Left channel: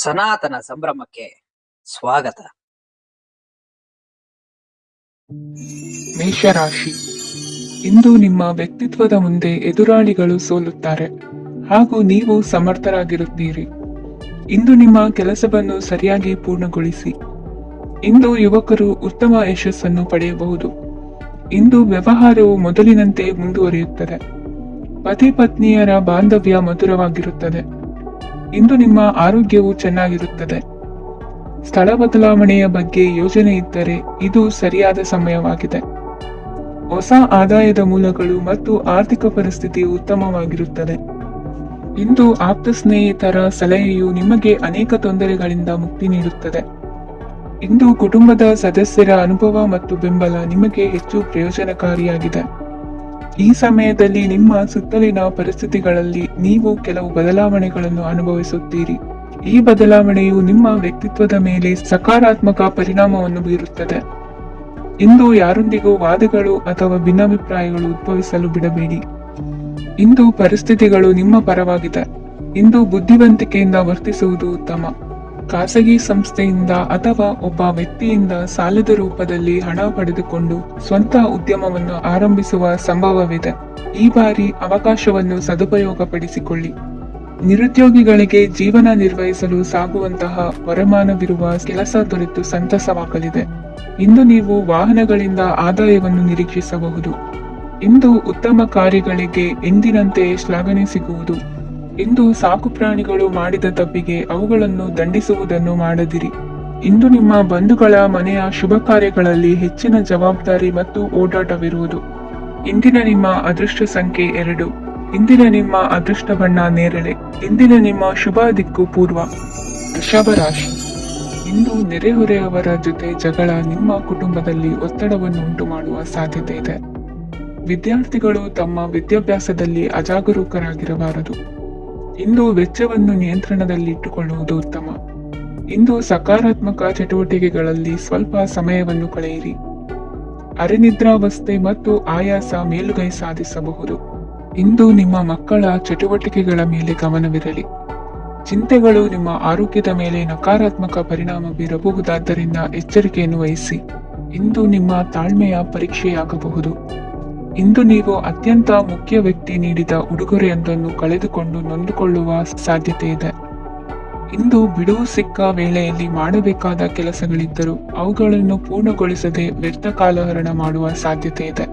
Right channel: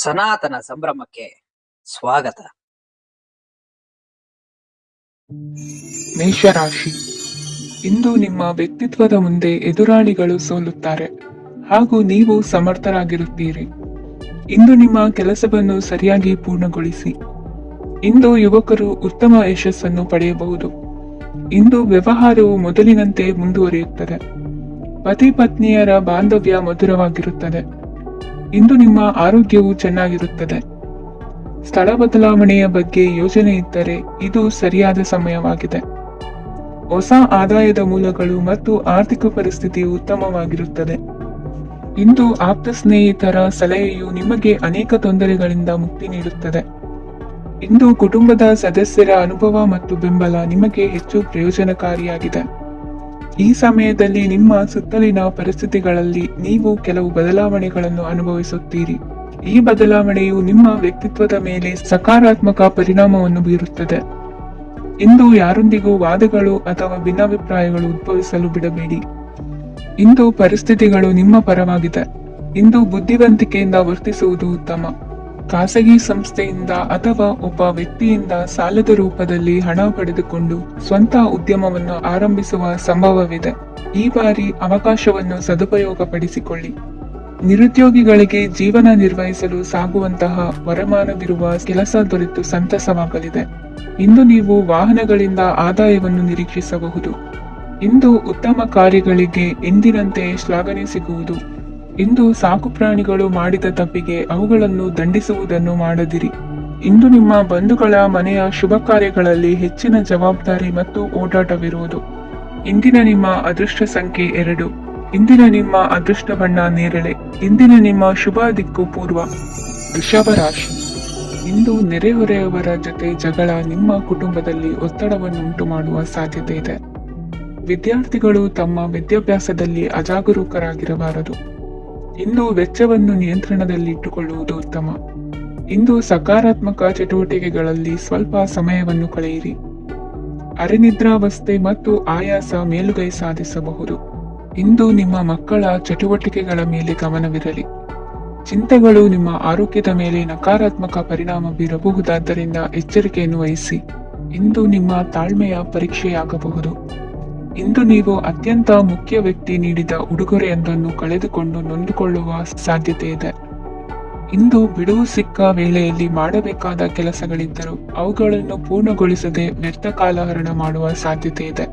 ಸನಾತನ ಸಂಭ್ರಮಕ್ಕೆ ಸ್ವಾಗತ. ಮೇಷರಾಶಿ. ಇಂದು ನಿಮ್ಮ ವ್ಯಕ್ತಿತ್ವದ ಮುಂದೆ ಎದುರಾಳಿಗಳು ಸೋಲುತ್ತಾರೆ ಹಾಗೂ ನೀವು ಸಮರ್ಥರಾಗಿರುತ್ತೀರಿ. ಇಂದು ನಿಮ್ಮ ಕೆಲಸವನ್ನು ಸರಿಯಾಗಿ ಪೂರ್ಣಗೊಳಿಸಿ. ಇಂದು ಯುವಕರು ಉತ್ತಮ ಯಶಸ್ಸನ್ನು ಪಡೆಯಬಹುದು. ಇಂದು ವ್ಯವಹಾರವು ಮೊದಲಿನಂತೆ ಮುಂದುವರಿಯುತ್ತದೆ. ಪತಿ ಪತ್ನಿಯರ ಬಾಂಧವ್ಯ ಮಧುರವಾಗಿರುತ್ತದೆ. ಇಂದು ನಿಮ್ಮ ಆರೋಗ್ಯವು ಚೆನ್ನಾಗಿರುತ್ತದೆ. ಸ್ಥಳ ಬದಲಾವಣೆಯ ಬಗ್ಗೆ ಯೋಜನೆ ಇದ್ದರೆ ಇದು ಸರಿಯಾದ ಸಮಯವಾಗಿದೆ. ಹೊಸ ಆದಾಯದ ಮೂಲಗಳು ಮತ್ತು ಆರ್ಥಿಕ ಪರಿಸ್ಥಿತಿಯು ಉತ್ತಮವಾಗಿರುತ್ತದೆ. ಇಂದು ಆಪ್ತ ಸ್ನೇಹಿತರ ಸಲಹೆಯು ನಿಮಗೆ ಅನೇಕ ತೊಂದರೆಗಳಿಂದ ಮುಕ್ತಿ ನೀಡುತ್ತದೆ. ಇಂದು ಕುಟುಂಬದ ಸದಸ್ಯರ ಅನುಭವ ಮತ್ತು ಬೆಂಬಲ ನಿಮಗೆ ಹೆಚ್ಚು ಪ್ರಯೋಜನಕಾರಿಯಾಗಿದೆ. ಈ ಸಮಯದಲ್ಲಿ ನಿಮ್ಮ ಸುತ್ತಲಿನ ಪರಿಸ್ಥಿತಿಗಳಲ್ಲಿ ನೀವು ಕೆಲವು ಬದಲಾವಣೆಗಳನ್ನು ಅನುಭವಿಸುತ್ತೀರಿ. ಈ ಬದಲಾವಣೆಯು ನಿಮ್ಮ ವ್ಯಕ್ತಿತ್ವದ ಮೇಲೆ ಸಕಾರಾತ್ಮಕ ಪರಿಣಾಮವನ್ನು ಬೀರುತ್ತದೆ. ಇಂದು ಯಾರೊಂದಿಗೂ ವಾದಗಳು ಅಥವಾ ಭಿನ್ನಾಭಿಪ್ರಾಯಗಳು ಉದ್ಭವಿಸಲು ಬಿಡಬೇಡಿ. ಇಂದು ಪರಿಸ್ಥಿತಿಗಳು ನಿಮ್ಮ ಪರವಾಗಿದೆ. ಇಂದು ಬುದ್ಧಿವಂತಿಕೆಯಿಂದ ವರ್ತಿಸುವುದು ಉತ್ತಮ. ಖಾಸಗಿ ಸಂಸ್ಥೆಯಿಂದ ಅಥವಾ ಒಬ್ಬ ವ್ಯಕ್ತಿಯಿಂದ ಸಾಲದ ರೂಪದಲ್ಲಿ ಹಣ ಪಡೆದುಕೊಂಡು ಸ್ವಂತ ಉದ್ಯಮವನ್ನು ಆರಂಭಿಸುವ ಸಂಭವವಿದೆ. ಈ ಬಾರಿ ಅವಕಾಶವನ್ನು ಸದುಪಯೋಗಪಡಿಸಿಕೊಳ್ಳಿ. ನಿರುದ್ಯೋಗಿಗಳಿಗೆ ಜೀವನ ನಿರ್ವಹಿಸಲು ಸಾಗುವಂತಹ ವರಮಾನವಿರುವ ಕೆಲಸ ದೊರೆತು ಸಂತಸವಾಗಲಿದೆ. ಇಂದು ನೀವು ವಾಹನಗಳಿಂದ ಆದಾಯವನ್ನು ನಿರೀಕ್ಷಿಸಬಹುದು. ಇಂದು ಉತ್ತಮ ಕಾರ್ಯಗಳಿಗೆ ಎಂದಿನಂತೆ ಶ್ಲಾಘನೆ ಸಿಗುವುದು. ಇಂದು ಸಾಕು ಪ್ರಾಣಿಗಳು ಮಾಡಿದ ತಪ್ಪಿಗೆ ಅವುಗಳನ್ನು ದಂಡಿಸುವುದನ್ನು ಮಾಡದಿರಿ. ಇಂದು ನಿಮ್ಮ ಬಂಧುಗಳ ಮನೆಯ ಶುಭ ಕಾರ್ಯಗಳಲ್ಲಿ ಹೆಚ್ಚಿನ ಜವಾಬ್ದಾರಿ ಮತ್ತು ಓಡಾಟವಿರುವುದು. ಇಂದಿನ ನಿಮ್ಮ ಅದೃಷ್ಟ ಸಂಖ್ಯೆ 2. ಇಂದಿನ ನಿಮ್ಮ ಅದೃಷ್ಟ ಬಣ್ಣ ನೇರಳೆ. ಇಂದಿನ ನಿಮ್ಮ ಶುಭ ದಿಕ್ಕು ಪೂರ್ವ. ವೃಷಭ ರಾಶಿ. ಇಂದು ನೆರೆಹೊರೆಯವರ ಜೊತೆ ಜಗಳ ನಿಮ್ಮ ಕುಟುಂಬದಲ್ಲಿ ಒತ್ತಡವನ್ನು ಉಂಟು ಮಾಡುವ ಸಾಧ್ಯತೆ ಇದೆ. ವಿದ್ಯಾರ್ಥಿಗಳು ತಮ್ಮ ವಿದ್ಯಾಭ್ಯಾಸದಲ್ಲಿ ಅಜಾಗರೂಕರಾಗಿರಬಾರದು. ಇಂದು ವೆಚ್ಚವನ್ನು ನಿಯಂತ್ರಣದಲ್ಲಿಟ್ಟುಕೊಳ್ಳುವುದು ಉತ್ತಮ. ಇಂದು ಸಕಾರಾತ್ಮಕ ಚಟುವಟಿಕೆಗಳಲ್ಲಿ ಸ್ವಲ್ಪ ಸಮಯವನ್ನು ಕಳೆಯಿರಿ. ಅರೆನಿದ್ರಾವಸ್ಥೆ ಮತ್ತು ಆಯಾಸ ಮೇಲುಗೈ ಸಾಧಿಸಬಹುದು. ಇಂದು ನಿಮ್ಮ ಮಕ್ಕಳ ಚಟುವಟಿಕೆಗಳ ಮೇಲೆ ಗಮನವಿರಲಿ. ಚಿಂತೆಗಳು ನಿಮ್ಮ ಆರೋಗ್ಯದ ಮೇಲೆ ನಕಾರಾತ್ಮಕ ಪರಿಣಾಮ ಬೀರಬಹುದಾದ್ದರಿಂದ ಎಚ್ಚರಿಕೆಯನ್ನು ವಹಿಸಿ. ಇಂದು ನಿಮ್ಮ ತಾಳ್ಮೆಯ ಪರೀಕ್ಷೆಯಾಗಬಹುದು. ಇಂದು ನೀವು ಅತ್ಯಂತ ಮುಖ್ಯ ವ್ಯಕ್ತಿ ನೀಡಿದ ಉಡುಗೊರೆಯೊಂದನ್ನು ಕಳೆದುಕೊಂಡು ನೊಂದುಕೊಳ್ಳುವ ಸಾಧ್ಯತೆ ಇದೆ. ಇಂದು ಬಿಡುವು ಸಿಕ್ಕ ವೇಳೆಯಲ್ಲಿ ಮಾಡಬೇಕಾದ ಕೆಲಸಗಳಿದ್ದರೂ ಅವುಗಳನ್ನು ಪೂರ್ಣಗೊಳಿಸದೆ ವ್ಯರ್ಥ ಕಾಲಹರಣ ಮಾಡುವ ಸಾಧ್ಯತೆ ಇದೆ.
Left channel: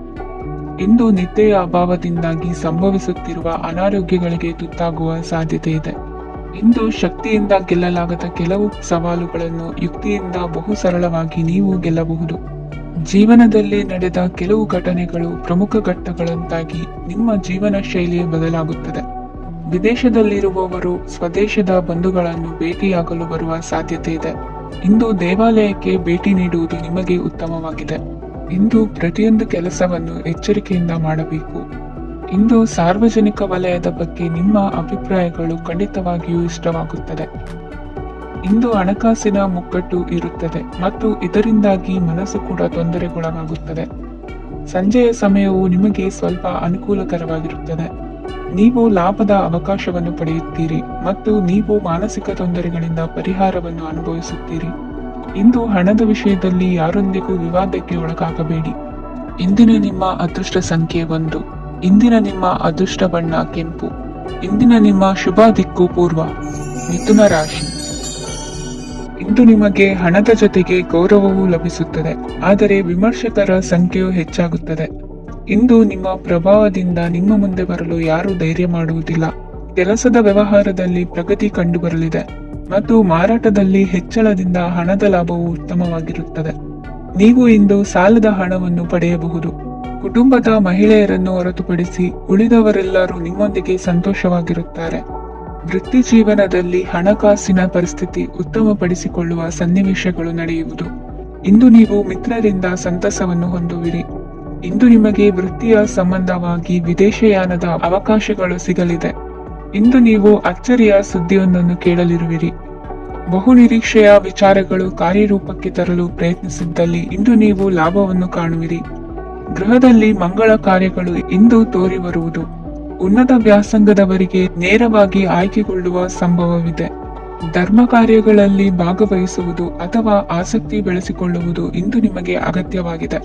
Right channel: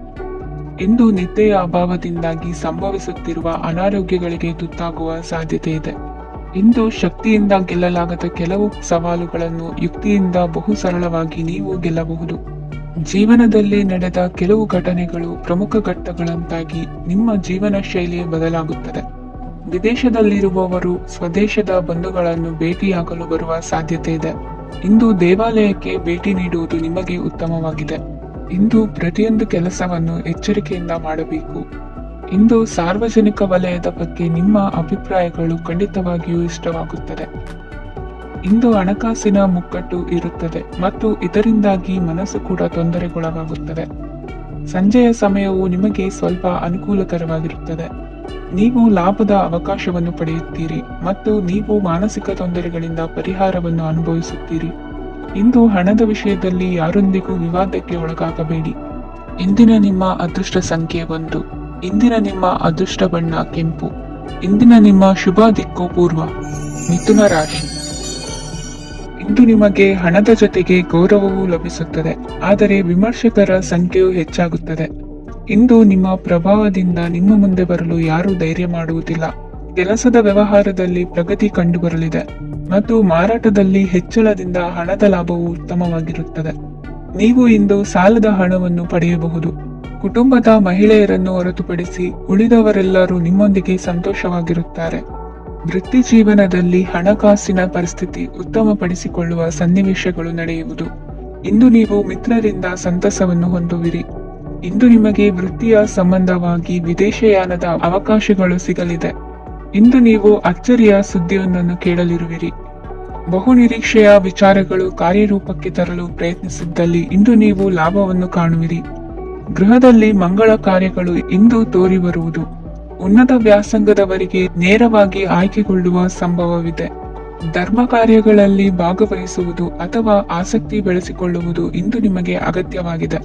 ಇಂದು ನಿದ್ದೆಯ ಅಭಾವದಿಂದಾಗಿ ಸಂಭವಿಸುತ್ತಿರುವ ಅನಾರೋಗ್ಯಗಳಿಗೆ ತುತ್ತಾಗುವ ಸಾಧ್ಯತೆ ಇದೆ. ಇಂದು ಶಕ್ತಿಯಿಂದ ಗೆಲ್ಲಲಾಗದ ಕೆಲವು ಸವಾಲುಗಳನ್ನು ಯುಕ್ತಿಯಿಂದ ಬಹು ಸರಳವಾಗಿ ನೀವು ಗೆಲ್ಲಬಹುದು. ಜೀವನದಲ್ಲಿ ನಡೆದ ಕೆಲವು ಘಟನೆಗಳು ಪ್ರಮುಖ ಘಟ್ಟಗಳಂತಾಗಿ ನಿಮ್ಮ ಜೀವನ ಶೈಲಿ ಬದಲಾಗುತ್ತದೆ. ವಿದೇಶದಲ್ಲಿರುವವರು ಸ್ವದೇಶದ ಬಂಧುಗಳನ್ನು ಭೇಟಿಯಾಗಲು ಬರುವ ಸಾಧ್ಯತೆ ಇದೆ. ಇಂದು ದೇವಾಲಯಕ್ಕೆ ಭೇಟಿ ನೀಡುವುದು ನಿಮಗೆ ಉತ್ತಮವಾಗಿದೆ. ಇಂದು ಪ್ರತಿಯೊಂದು ಕೆಲಸವನ್ನು ಎಚ್ಚರಿಕೆಯಿಂದ ಮಾಡಬೇಕು. ಇಂದು ಸಾರ್ವಜನಿಕ ವಲಯದ ಬಗ್ಗೆ ನಿಮ್ಮ ಅಭಿಪ್ರಾಯಗಳು ಖಂಡಿತವಾಗಿಯೂ ಇಷ್ಟವಾಗುತ್ತದೆ. ಇಂದು ಹಣಕಾಸಿನ ಮುಗ್ಗಟ್ಟು ಇರುತ್ತದೆ ಮತ್ತು ಇದರಿಂದಾಗಿ ಮನಸ್ಸು ಕೂಡ ತೊಂದರೆಗೊಳಗಾಗುತ್ತದೆ. ಸಂಜೆಯ ಸಮಯವು ನಿಮಗೆ ಸ್ವಲ್ಪ ಅನುಕೂಲಕರವಾಗಿರುತ್ತದೆ. ನೀವು ಲಾಭದ ಅವಕಾಶವನ್ನು ಪಡೆಯುತ್ತೀರಿ ಮತ್ತು ನೀವು ಮಾನಸಿಕ ತೊಂದರೆಗಳಿಂದ ಪರಿಹಾರವನ್ನು ಅನುಭವಿಸುತ್ತೀರಿ. ಇಂದು ಹಣದ ವಿಷಯದಲ್ಲಿ ಯಾರೊಂದಿಗೂ ವಿವಾದಕ್ಕೆ ಒಳಗಾಗಬೇಡಿ. ಇಂದಿನ ನಿಮ್ಮ ಅದೃಷ್ಟ ಸಂಖ್ಯೆ 1. ಇಂದಿನ ನಿಮ್ಮ ಅದೃಷ್ಟ ಬಣ್ಣ ಕೆಂಪು. ಇಂದಿನ ನಿಮ್ಮ ಶುಭ ದಿಕ್ಕು ಪೂರ್ವ. ಮಿಥುನ ರಾಶಿ. ಇಂದು ನಿಮಗೆ ಹಣದ ಜೊತೆಗೆ ಗೌರವವೂ ಲಭಿಸುತ್ತದೆ, ಆದರೆ ವಿಮರ್ಶಕರ ಸಂಖ್ಯೆಯು ಹೆಚ್ಚಾಗುತ್ತದೆ. ಇಂದು ನಿಮ್ಮ ಪ್ರಭಾವದಿಂದ ನಿಮ್ಮ ಮುಂದೆ ಬರಲು ಯಾರೂ ಧೈರ್ಯ ಮಾಡುವುದಿಲ್ಲ. ಕೆಲಸದ ವ್ಯವಹಾರದಲ್ಲಿ ಪ್ರಗತಿ ಕಂಡುಬರಲಿದೆ ಮತ್ತು ಮಾರಾಟದಲ್ಲಿ ಹೆಚ್ಚಳದಿಂದ ಹಣದ ಲಾಭವು ಉತ್ತಮವಾಗಿರುತ್ತದೆ. ನೀವು ಇಂದು ಸಾಲದ ಹಣವನ್ನು ಪಡೆಯಬಹುದು. ಕುಟುಂಬದ ಮಹಿಳೆಯರನ್ನು ಹೊರತುಪಡಿಸಿ ಉಳಿದವರೆಲ್ಲರೂ ನಿಮ್ಮೊಂದಿಗೆ ಸಂತೋಷವಾಗಿರುತ್ತಾರೆ. ವೃತ್ತಿ ಜೀವನದಲ್ಲಿ ಹಣಕಾಸಿನ ಪರಿಸ್ಥಿತಿ ಉತ್ತಮಪಡಿಸಿಕೊಳ್ಳುವ ಸನ್ನಿವೇಶಗಳು ನಡೆಯುವುದು. ಇಂದು ನೀವು ಮಿತ್ರರಿಂದ ಸಂತಸವನ್ನು ಹೊಂದುವಿರಿ. ಇಂದು ನಿಮಗೆ ವೃತ್ತಿಯ ಸಂಬಂಧವಾಗಿ ವಿದೇಶಯಾನದ ಅವಕಾಶಗಳು ಸಿಗಲಿದೆ. ಇಂದು ನೀವು ಅಚ್ಚರಿಯ ಸುದ್ದಿಯೊಂದನ್ನು ಕೇಳಲಿರುವಿರಿ. ಬಹು ನಿರೀಕ್ಷೆಯ ವಿಚಾರಗಳು ಕಾರ್ಯರೂಪಕ್ಕೆ ತರಲು ಪ್ರಯತ್ನಿಸಿದ್ದಲ್ಲಿ ಇಂದು ನೀವು ಲಾಭವನ್ನು ಕಾಣುವಿರಿ. ಗೃಹದಲ್ಲಿ ಮಂಗಳ ಕಾರ್ಯಗಳು ಇಂದು ತೋರಿ ಬರುವುದು. ಉನ್ನತ ವ್ಯಾಸಂಗದವರಿಗೆ ನೇರವಾಗಿ ಆಯ್ಕೆಗೊಳ್ಳುವ ಸಂಭವವಿದೆ. ಧರ್ಮ ಕಾರ್ಯಗಳಲ್ಲಿ ಭಾಗವಹಿಸುವುದು ಅಥವಾ ಆಸಕ್ತಿ ಬೆಳೆಸಿಕೊಳ್ಳುವುದು ಇಂದು ನಿಮಗೆ ಅಗತ್ಯವಾಗಿದೆ.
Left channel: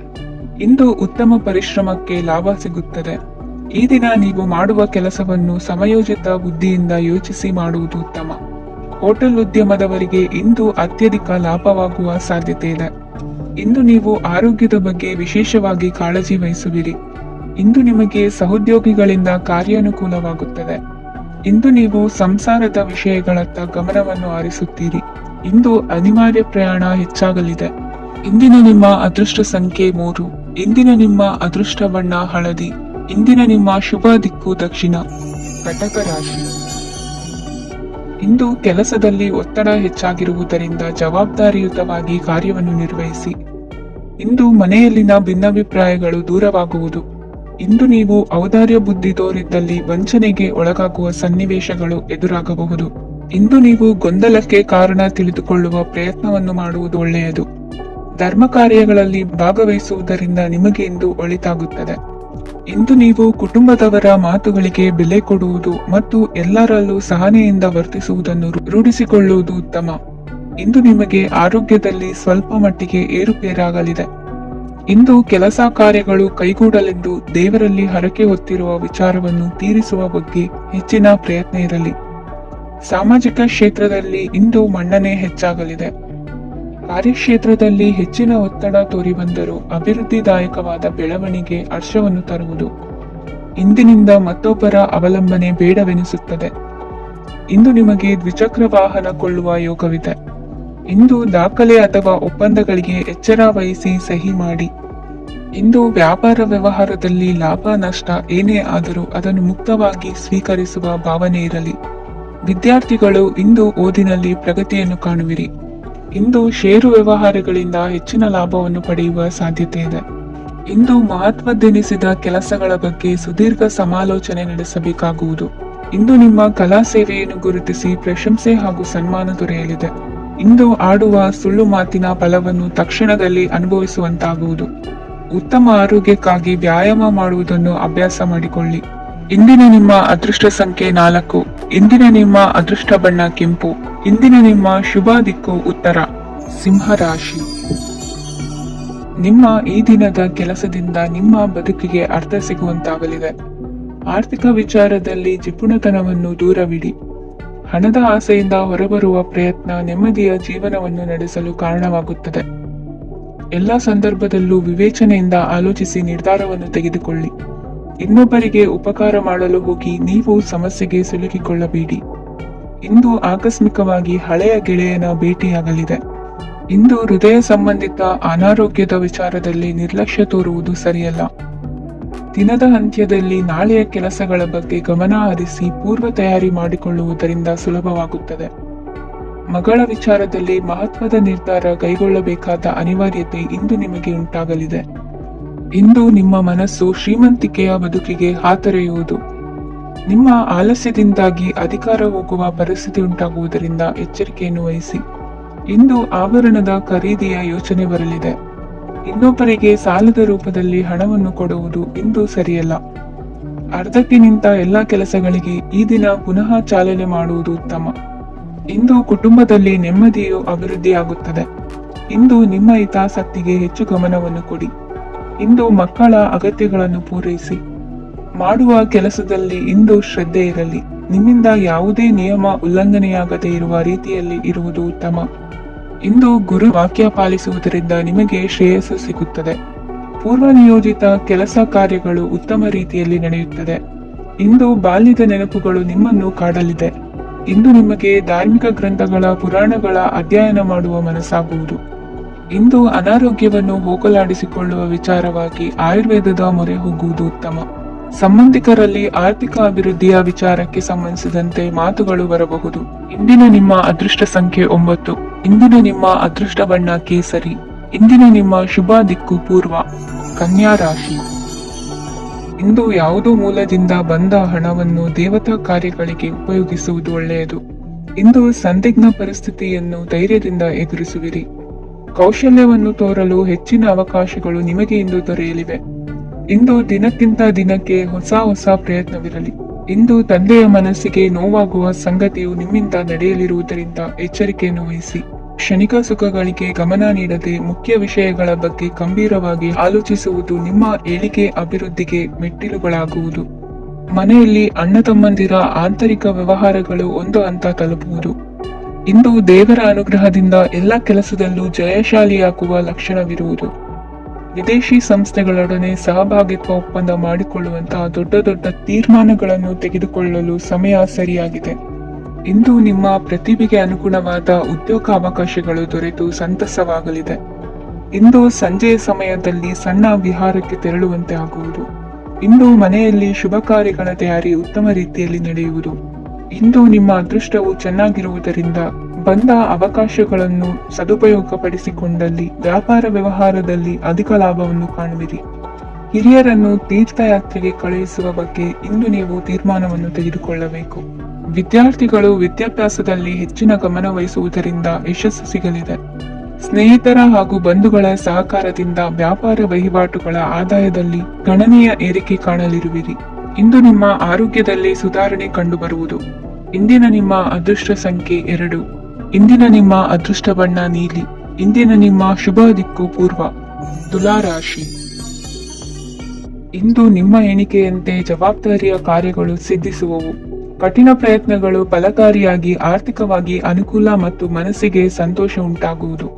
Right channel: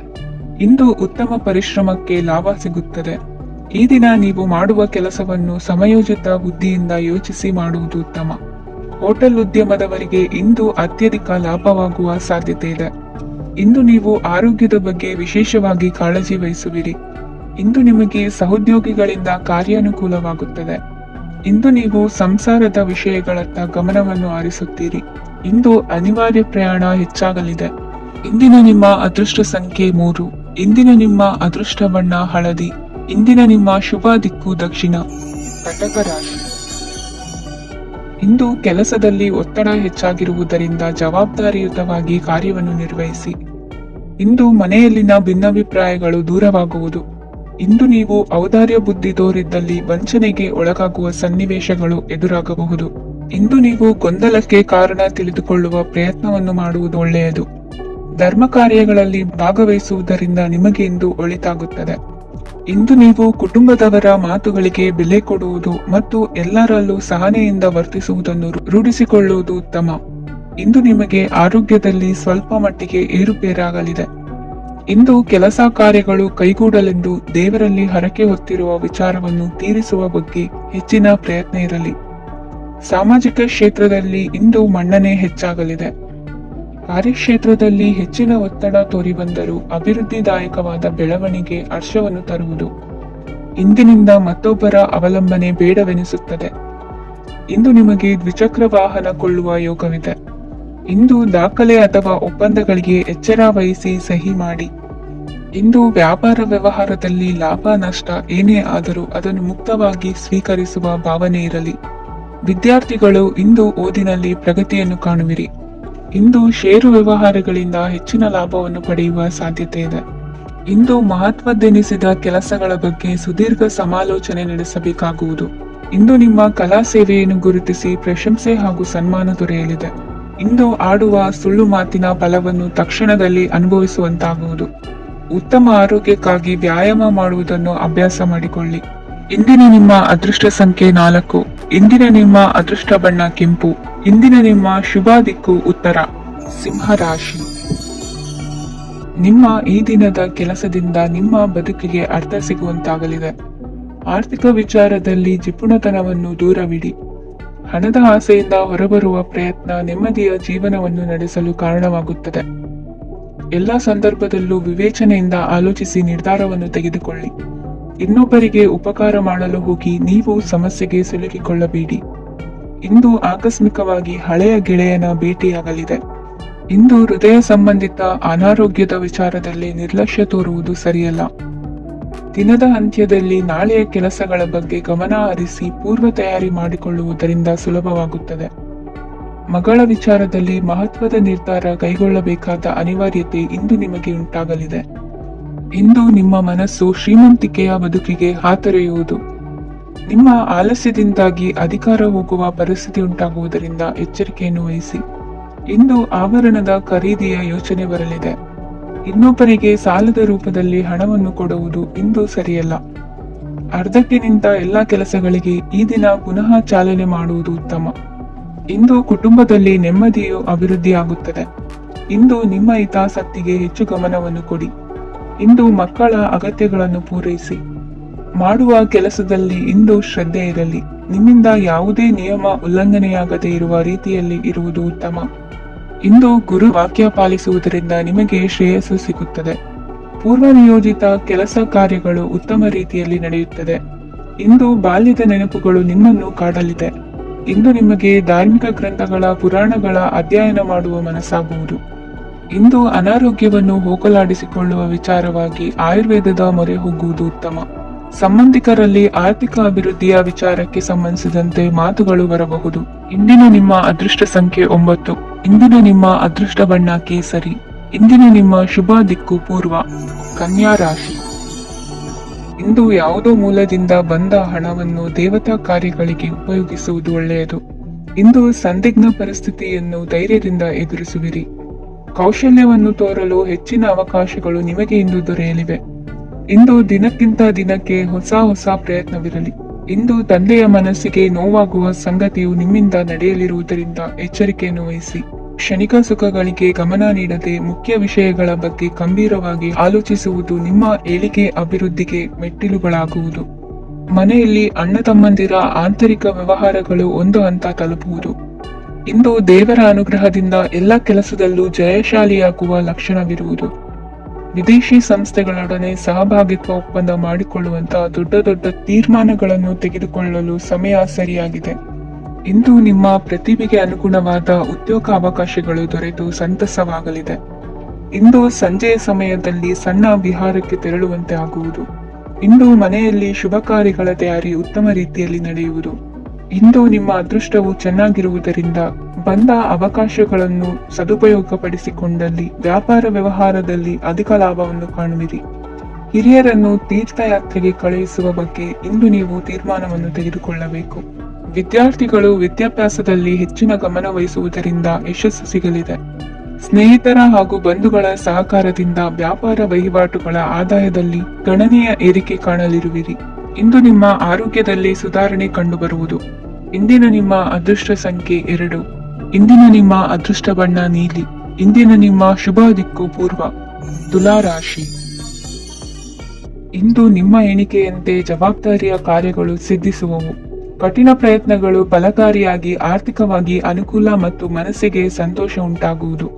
ಇಂದು ಉತ್ತಮ ಪರಿಶ್ರಮಕ್ಕೆ ಲಾಭ ಸಿಗುತ್ತದೆ. ಈ ದಿನ ನೀವು ಮಾಡುವ ಕೆಲಸವನ್ನು ಸಮಯೋಚಿತ ಬುದ್ಧಿಯಿಂದ ಯೋಚಿಸಿ ಮಾಡುವುದು ಉತ್ತಮ. ಹೋಟೆಲ್ ಉದ್ಯಮದವರಿಗೆ ಇಂದು ಅತ್ಯಧಿಕ ಲಾಭವಾಗುವ ಸಾಧ್ಯತೆ ಇದೆ. ಇಂದು ನೀವು ಆರೋಗ್ಯದ ಬಗ್ಗೆ ವಿಶೇಷವಾಗಿ ಕಾಳಜಿ ವಹಿಸುವಿರಿ. ಇಂದು ನಿಮಗೆ ಸಹೋದ್ಯೋಗಿಗಳಿಂದ ಕಾರ್ಯಾನುಕೂಲವಾಗುತ್ತದೆ. ಇಂದು ನೀವು ಸಂಸಾರದ ವಿಷಯಗಳತ್ತ ಗಮನವನ್ನು ಹರಿಸುತ್ತೀರಿ. ಇಂದು ಅನಿವಾರ್ಯ ಪ್ರಯಾಣ ಹೆಚ್ಚಾಗಲಿದೆ. ಇಂದಿನ ನಿಮ್ಮ ಅದೃಷ್ಟ ಸಂಖ್ಯೆ 3. ಇಂದಿನ ನಿಮ್ಮ ಅದೃಷ್ಟ ಬಣ್ಣ ಹಳದಿ. ಇಂದಿನ ನಿಮ್ಮ ಶುಭ ದಿಕ್ಕು ದಕ್ಷಿಣ. ಕಟಕ ರಾಶಿ. ಇಂದು ಕೆಲಸದಲ್ಲಿ ಒತ್ತಡ ಹೆಚ್ಚಾಗಿರುವುದರಿಂದ ಜವಾಬ್ದಾರಿಯುತವಾಗಿ ಕಾರ್ಯವನ್ನು ನಿರ್ವಹಿಸಿ. ಇಂದು ಮನೆಯಲ್ಲಿನ ಭಿನ್ನಾಭಿಪ್ರಾಯಗಳು ದೂರವಾಗುವುದು. ಇಂದು ನೀವು ಔದಾರ್ಯ ಬುದ್ಧಿ ತೋರಿದ್ದಲ್ಲಿ ವಂಚನೆಗೆ ಒಳಗಾಗುವ ಸನ್ನಿವೇಶಗಳು ಎದುರಾಗಬಹುದು. ಇಂದು ನೀವು ಗೊಂದಲಕ್ಕೆ ಕಾರಣ ತಿಳಿದುಕೊಳ್ಳುವ ಪ್ರಯತ್ನವನ್ನು ಮಾಡುವುದು ಒಳ್ಳೆಯದು. ಧರ್ಮ ಕಾರ್ಯಗಳಲ್ಲಿ ಭಾಗವಹಿಸುವುದರಿಂದ ನಿಮಗೆ ಇಂದು ಒಳಿತಾಗುತ್ತದೆ. ಇಂದು ನೀವು ಕುಟುಂಬದವರ ಮಾತುಗಳಿಗೆ ಬೆಲೆ ಕೊಡುವುದು ಮತ್ತು ಎಲ್ಲರಲ್ಲೂ ಸಹನೆಯಿಂದ ವರ್ತಿಸುವುದನ್ನು ರೂಢಿಸಿಕೊಳ್ಳುವುದು ಉತ್ತಮ. ಇಂದು ನಿಮಗೆ ಆರೋಗ್ಯದಲ್ಲಿ ಸ್ವಲ್ಪ ಮಟ್ಟಿಗೆ ಏರುಪೇರಾಗಲಿದೆ. ಇಂದು ಕೆಲಸ ಕಾರ್ಯಗಳು ಕೈಗೂಡಲೆಂದು ದೇವರಲ್ಲಿ ಹರಕೆ ಹೊತ್ತಿರುವ ವಿಚಾರವನ್ನು ತೀರಿಸುವ ಬಗ್ಗೆ ಹೆಚ್ಚಿನ ಪ್ರಯತ್ನ ಇರಲಿ. ಸಾಮಾಜಿಕ ಕ್ಷೇತ್ರದಲ್ಲಿ ಇಂದು ಮನ್ನಣೆ ಹೆಚ್ಚಾಗಲಿದೆ. ಕಾರ್ಯಕ್ಷೇತ್ರದಲ್ಲಿ ಹೆಚ್ಚಿನ ಒತ್ತಡ ತೋರಿಬಂದರೂ ಅಭಿವೃದ್ಧಿದಾಯಕವಾದ ಬೆಳವಣಿಗೆ ಹರ್ಷವನ್ನು ತರುವುದು. ಇಂದಿನಿಂದ ಮತ್ತೊಬ್ಬರ ಅವಲಂಬನೆ ಬೇಡವೆನಿಸುತ್ತದೆ. ಇಂದು ನಿಮಗೆ ದ್ವಿಚಕ್ರ ವಾಹನ ಕೊಳ್ಳುವ ಯೋಗವಿದೆ. ಇಂದು ದಾಖಲೆ ಅಥವಾ ಒಪ್ಪಂದಗಳಿಗೆ ಎಚ್ಚರ ವಹಿಸಿ ಸಹಿ ಮಾಡಿ. ಇಂದು ವ್ಯಾಪಾರ ವ್ಯವಹಾರದಲ್ಲಿ ಲಾಭ ನಷ್ಟ ಏನೇ ಆದರೂ ಅದನ್ನು ಮುಕ್ತವಾಗಿ ಸ್ವೀಕರಿಸುವ ಭಾವನೆ ಇರಲಿ. ವಿದ್ಯಾರ್ಥಿಗಳು ಇಂದು ಓದಿನಲ್ಲಿ ಪ್ರಗತಿಯನ್ನು ಕಾಣುವಿರಿ. ಇಂದು ಷೇರು ವ್ಯವಹಾರಗಳಿಂದ ಹೆಚ್ಚಿನ ಲಾಭವನ್ನು ಪಡೆಯುವ ಸಾಧ್ಯತೆ ಇದೆ. ಇಂದು ಮಹತ್ವದೆನಿಸಿದ ಕೆಲಸಗಳ ಬಗ್ಗೆ ಸುದೀರ್ಘ ಸಮಾಲೋಚನೆ ನಡೆಸಬೇಕಾಗುವುದು. ಇಂದು ನಿಮ್ಮ ಕಲಾ ಸೇವೆಯನ್ನು ಗುರುತಿಸಿ ಪ್ರಶಂಸೆ ಹಾಗೂ ಸನ್ಮಾನ ದೊರೆಯಲಿದೆ. ಇಂದು ಆಡುವ ಸುಳ್ಳು ಮಾತಿನ ಫಲವನ್ನು ತಕ್ಷಣದಲ್ಲಿ ಅನುಭವಿಸುವಂತಾಗುವುದು. ಉತ್ತಮ ಆರೋಗ್ಯಕ್ಕಾಗಿ ವ್ಯಾಯಾಮ ಮಾಡುವುದನ್ನು ಅಭ್ಯಾಸ ಮಾಡಿಕೊಳ್ಳಿ. ಇಂದಿನ ನಿಮ್ಮ ಅದೃಷ್ಟ ಸಂಖ್ಯೆ 4. ಇಂದಿನ ನಿಮ್ಮ ಅದೃಷ್ಟ ಬಣ್ಣ ಕೆಂಪು. ಇಂದಿನ ನಿಮ್ಮ ಶುಭ ದಿಕ್ಕು ಉತ್ತರ. ಸಿಂಹ ರಾಶಿ. ನಿಮ್ಮ ಈ ದಿನದ ಕೆಲಸದಿಂದ ನಿಮ್ಮ ಬದುಕಿಗೆ ಅರ್ಥ ಸಿಗುವಂತಾಗಲಿದೆ. ಆರ್ಥಿಕ ವಿಚಾರದಲ್ಲಿ ಜಿಪುಣತನವನ್ನು ದೂರವಿಡಿ. ಹಣದ ಆಸೆಯಿಂದ ಹೊರಬರುವ ಪ್ರಯತ್ನ ನೆಮ್ಮದಿಯ ಜೀವನವನ್ನು ನಡೆಸಲು ಕಾರಣವಾಗುತ್ತದೆ. ಎಲ್ಲ ಸಂದರ್ಭದಲ್ಲೂ ವಿವೇಚನೆಯಿಂದ ಆಲೋಚಿಸಿ ನಿರ್ಧಾರವನ್ನು ತೆಗೆದುಕೊಳ್ಳಿ. ಇನ್ನೊಬ್ಬರಿಗೆ ಉಪಕಾರ ಮಾಡಲು ಹೋಗಿ ನೀವು ಸಮಸ್ಯೆಗೆ ಸಿಲುಕಿಕೊಳ್ಳಬೇಡಿ. ಇಂದು ಆಕಸ್ಮಿಕವಾಗಿ ಹಳೆಯ ಗೆಳೆಯನ ಭೇಟಿಯಾಗಲಿದೆ. ಇಂದು ಹೃದಯ ಸಂಬಂಧಿತ ಅನಾರೋಗ್ಯದ ವಿಚಾರದಲ್ಲಿ ನಿರ್ಲಕ್ಷ್ಯ ತೋರುವುದು ಸರಿಯಲ್ಲ. ದಿನದ ಅಂತ್ಯದಲ್ಲಿ ನಾಳೆಯ ಕೆಲಸಗಳ ಬಗ್ಗೆ ಗಮನ ಹರಿಸಿ ಪೂರ್ವ ತಯಾರಿ ಮಾಡಿಕೊಳ್ಳುವುದರಿಂದ ಸುಲಭವಾಗುತ್ತದೆ. ಮಗಳ ವಿಚಾರದಲ್ಲಿ ಮಹತ್ವದ ನಿರ್ಧಾರ ಕೈಗೊಳ್ಳಬೇಕಾದ ಅನಿವಾರ್ಯತೆ ಇಂದು ನಿಮಗೆ ಉಂಟಾಗಲಿದೆ. ಇಂದು ನಿಮ್ಮ ಮನಸ್ಸು ಶ್ರೀಮಂತಿಕೆಯ ಬದುಕಿಗೆ ಹಾತೊರೆಯುವುದು. ನಿಮ್ಮ ಆಲಸ್ಯದಿಂದಾಗಿ ಅಧಿಕಾರ ಹೋಗುವ ಪರಿಸ್ಥಿತಿ ಉಂಟಾಗುವುದರಿಂದ ಎಚ್ಚರಿಕೆಯನ್ನು ವಹಿಸಿ. ಇಂದು ಆಭರಣದ ಖರೀದಿಯ ಯೋಚನೆ ಬರಲಿದೆ. ಇನ್ನೊಬ್ಬರಿಗೆ ಸಾಲದ ರೂಪದಲ್ಲಿ ಹಣವನ್ನು ಕೊಡುವುದು ಇಂದು ಸರಿಯಲ್ಲ. ಅರ್ಧಕ್ಕೆ ನಿಂತ ಎಲ್ಲಾ ಕೆಲಸಗಳಿಗೆ ಈ ದಿನ ಪುನಃ ಚಾಲನೆ ಮಾಡುವುದು ಉತ್ತಮ. ಇಂದು ಕುಟುಂಬದಲ್ಲಿ ನೆಮ್ಮದಿಯು ಅಭಿವೃದ್ಧಿಯಾಗುತ್ತದೆ. ಇಂದು ನಿಮ್ಮ ಹಿತಾಸಕ್ತಿಗೆ ಹೆಚ್ಚು ಗಮನವನ್ನು ಕೊಡಿ. ಇಂದು ಮಕ್ಕಳ ಅಗತ್ಯಗಳನ್ನು ಪೂರೈಸಿ. ಮಾಡುವ ಕೆಲಸದಲ್ಲಿ ಇಂದು ಶ್ರದ್ಧೆ ಇರಲಿ. ನಿಮ್ಮಿಂದ ಯಾವುದೇ ನಿಯಮ ಉಲ್ಲಂಘನೆಯಾಗದೇ ಇರುವ ರೀತಿಯಲ್ಲಿ ಇರುವುದು ಉತ್ತಮ. ಇಂದು ಗುರು ವಾಕ್ಯ ಪಾಲಿಸುವುದರಿಂದ ನಿಮಗೆ ಶ್ರೇಯಸ್ಸು ಸಿಗುತ್ತದೆ. ಪೂರ್ವ ನಿಯೋಜಿತ ಕೆಲಸ ಕಾರ್ಯಗಳು ಉತ್ತಮ ರೀತಿಯಲ್ಲಿ ನಡೆಯುತ್ತದೆ. ಇಂದು ಬಾಲ್ಯದ ನೆನಪುಗಳು ನಿಮ್ಮನ್ನು ಕಾಡಲಿದೆ. ಇಂದು ನಿಮಗೆ ಧಾರ್ಮಿಕ ಗ್ರಂಥಗಳ ಪುರಾಣಗಳ ಅಧ್ಯಯನ ಮಾಡುವ ಮನಸ್ಸಾಗುವುದು. ಇಂದು ಅನಾರೋಗ್ಯವನ್ನು ಹೋಗಲಾಡಿಸಿಕೊಳ್ಳುವ ವಿಚಾರವಾಗಿ ಆಯುರ್ವೇದದ ಮೊರೆ ಹೋಗುವುದು ಉತ್ತಮ. ಸಂಬಂಧಿಕರಲ್ಲಿ ಆರ್ಥಿಕ ಅಭಿವೃದ್ಧಿಯ ವಿಚಾರಕ್ಕೆ ಸಂಬಂಧಿಸಿದಂತೆ ಮಾತುಗಳು ಬರಬಹುದು. ಇಂದಿನ ನಿಮ್ಮ ಅದೃಷ್ಟ ಸಂಖ್ಯೆ 9. ಇಂದಿನ ನಿಮ್ಮ ಅದೃಷ್ಟ ಬಣ್ಣ ಕೇಸರಿ. ಇಂದಿನ ನಿಮ್ಮ ಶುಭ ದಿಕ್ಕು ಪೂರ್ವ. ಕನ್ಯಾ ರಾಶಿ. ಇಂದು ಯಾವುದೋ ಮೂಲದಿಂದ ಬಂದ ಹಣವನ್ನು ದೇವತಾ ಕಾರ್ಯಗಳಿಗೆ ಉಪಯೋಗಿಸುವುದು ಒಳ್ಳೆಯದು. ಇಂದು ಸಂದಿಗ್ಧ ಪರಿಸ್ಥಿತಿಯನ್ನು ಧೈರ್ಯದಿಂದ ಎದುರಿಸುವಿರಿ. ಕೌಶಲ್ಯವನ್ನು ತೋರಲು ಹೆಚ್ಚಿನ ಅವಕಾಶಗಳು ನಿಮಗೆ ಇಂದು ದೊರೆಯಲಿವೆ. ಇಂದು ದಿನಕ್ಕಿಂತ ದಿನಕ್ಕೆ ಹೊಸ ಪ್ರಯತ್ನವಿರಲಿ. ಇಂದು ತಂದೆಯ ಮನಸ್ಸಿಗೆ ನೋವಾಗುವ ಸಂಗತಿಯು ನಿಮ್ಮಿಂದ ನಡೆಯಲಿರುವುದರಿಂದ ಎಚ್ಚರಿಕೆಯನ್ನು ವಹಿಸಿ. ಕ್ಷಣಿಕ ಸುಖಗಳಿಗೆ ಗಮನ ನೀಡದೆ ಮುಖ್ಯ ವಿಷಯಗಳ ಬಗ್ಗೆ ಗಂಭೀರವಾಗಿ ಆಲೋಚಿಸುವುದು ನಿಮ್ಮ ಏಳಿಗೆ ಅಭಿವೃದ್ಧಿಗೆ ಮೆಟ್ಟಿಲುಗಳಾಗುವುದು. ಮನೆಯಲ್ಲಿ ಅಣ್ಣ ತಮ್ಮಂದಿರ ಆಂತರಿಕ ವ್ಯವಹಾರಗಳು ಒಂದು ಹಂತ ತಲುಪುವುದು. ಇಂದು ದೇವರ ಅನುಗ್ರಹದಿಂದ ಎಲ್ಲ ಕೆಲಸದಲ್ಲೂ ಜಯಶಾಲಿಯಾಗುವ ಲಕ್ಷಣವಿರುವುದು. ವಿದೇಶಿ ಸಂಸ್ಥೆಗಳೊಡನೆ ಸಹಭಾಗಿತ್ವ ಒಪ್ಪಂದ ಮಾಡಿಕೊಳ್ಳುವಂತಹ ದೊಡ್ಡ ದೊಡ್ಡ ತೀರ್ಮಾನಗಳನ್ನು ತೆಗೆದುಕೊಳ್ಳಲು ಸಮಯ ಸರಿಯಾಗಿದೆ. ಇಂದು ನಿಮ್ಮ ಪ್ರತಿಭೆಗೆ ಅನುಗುಣವಾದ ಉದ್ಯೋಗ ಅವಕಾಶಗಳು ದೊರೆತು ಸಂತಸವಾಗಲಿದೆ. ಇಂದು ಸಂಜೆಯ ಸಮಯದಲ್ಲಿ ಸಣ್ಣ ವಿಹಾರಕ್ಕೆ ತೆರಳುವಂತೆ ಆಗುವುದು. ಇಂದು ಮನೆಯಲ್ಲಿ ಶುಭ ಕಾರ್ಯಗಳ ತಯಾರಿ ಉತ್ತಮ ರೀತಿಯಲ್ಲಿ ನಡೆಯುವುದು. ಇಂದು ನಿಮ್ಮ ಅದೃಷ್ಟವು ಚೆನ್ನಾಗಿರುವುದರಿಂದ ಬಂದ ಅವಕಾಶಗಳನ್ನು ಸದುಪಯೋಗಪಡಿಸಿಕೊಂಡಲ್ಲಿ ವ್ಯಾಪಾರ ವ್ಯವಹಾರದಲ್ಲಿ ಅಧಿಕ ಲಾಭವನ್ನು ಕಾಣುವಿರಿ. ಹಿರಿಯರನ್ನು ತೀರ್ಥಯಾತ್ರೆಗೆ ಕಳುಹಿಸುವ ಬಗ್ಗೆ ಇಂದು ನೀವು ತೀರ್ಮಾನವನ್ನು ತೆಗೆದುಕೊಳ್ಳಬೇಕು. ವಿದ್ಯಾರ್ಥಿಗಳು ವಿದ್ಯಾಭ್ಯಾಸದಲ್ಲಿ ಹೆಚ್ಚಿನ ಗಮನ ವಹಿಸುವುದರಿಂದ ಯಶಸ್ಸು ಸಿಗಲಿದೆ. ಸ್ನೇಹಿತರ ಹಾಗೂ ಬಂಧುಗಳ ಸಹಕಾರದಿಂದ ವ್ಯಾಪಾರ ವಹಿವಾಟುಗಳ ಆದಾಯದಲ್ಲಿ ಗಣನೀಯ ಏರಿಕೆ ಕಾಣಲಿರುವಿರಿ. ಇಂದು ನಿಮ್ಮ ಆರೋಗ್ಯದಲ್ಲಿ ಸುಧಾರಣೆ ಕಂಡುಬರುವುದು. ಇಂದಿನ ನಿಮ್ಮ ಅದೃಷ್ಟ ಸಂಖ್ಯೆ 2. ಇಂದಿನ ನಿಮ್ಮ ಅದೃಷ್ಟ ಬಣ್ಣ ನೀಲಿ. ಇಂದಿನ ನಿಮ್ಮ ಶುಭ ದಿಕ್ಕು ಪೂರ್ವ. ತುಲಾ ರಾಶಿ. ಇಂದು ನಿಮ್ಮ ಎಣಿಕೆಯಂತೆ ಜವಾಬ್ದಾರಿಯ ಕಾರ್ಯಗಳು ಸಿದ್ಧಿಸುವವು. ಕಠಿಣ ಪ್ರಯತ್ನಗಳು ಫಲಕಾರಿಯಾಗಿ ಆರ್ಥಿಕವಾಗಿ ಅನುಕೂಲ ಮತ್ತು ಮನಸ್ಸಿಗೆ ಸಂತೋಷ ಉಂಟಾಗುವುದು.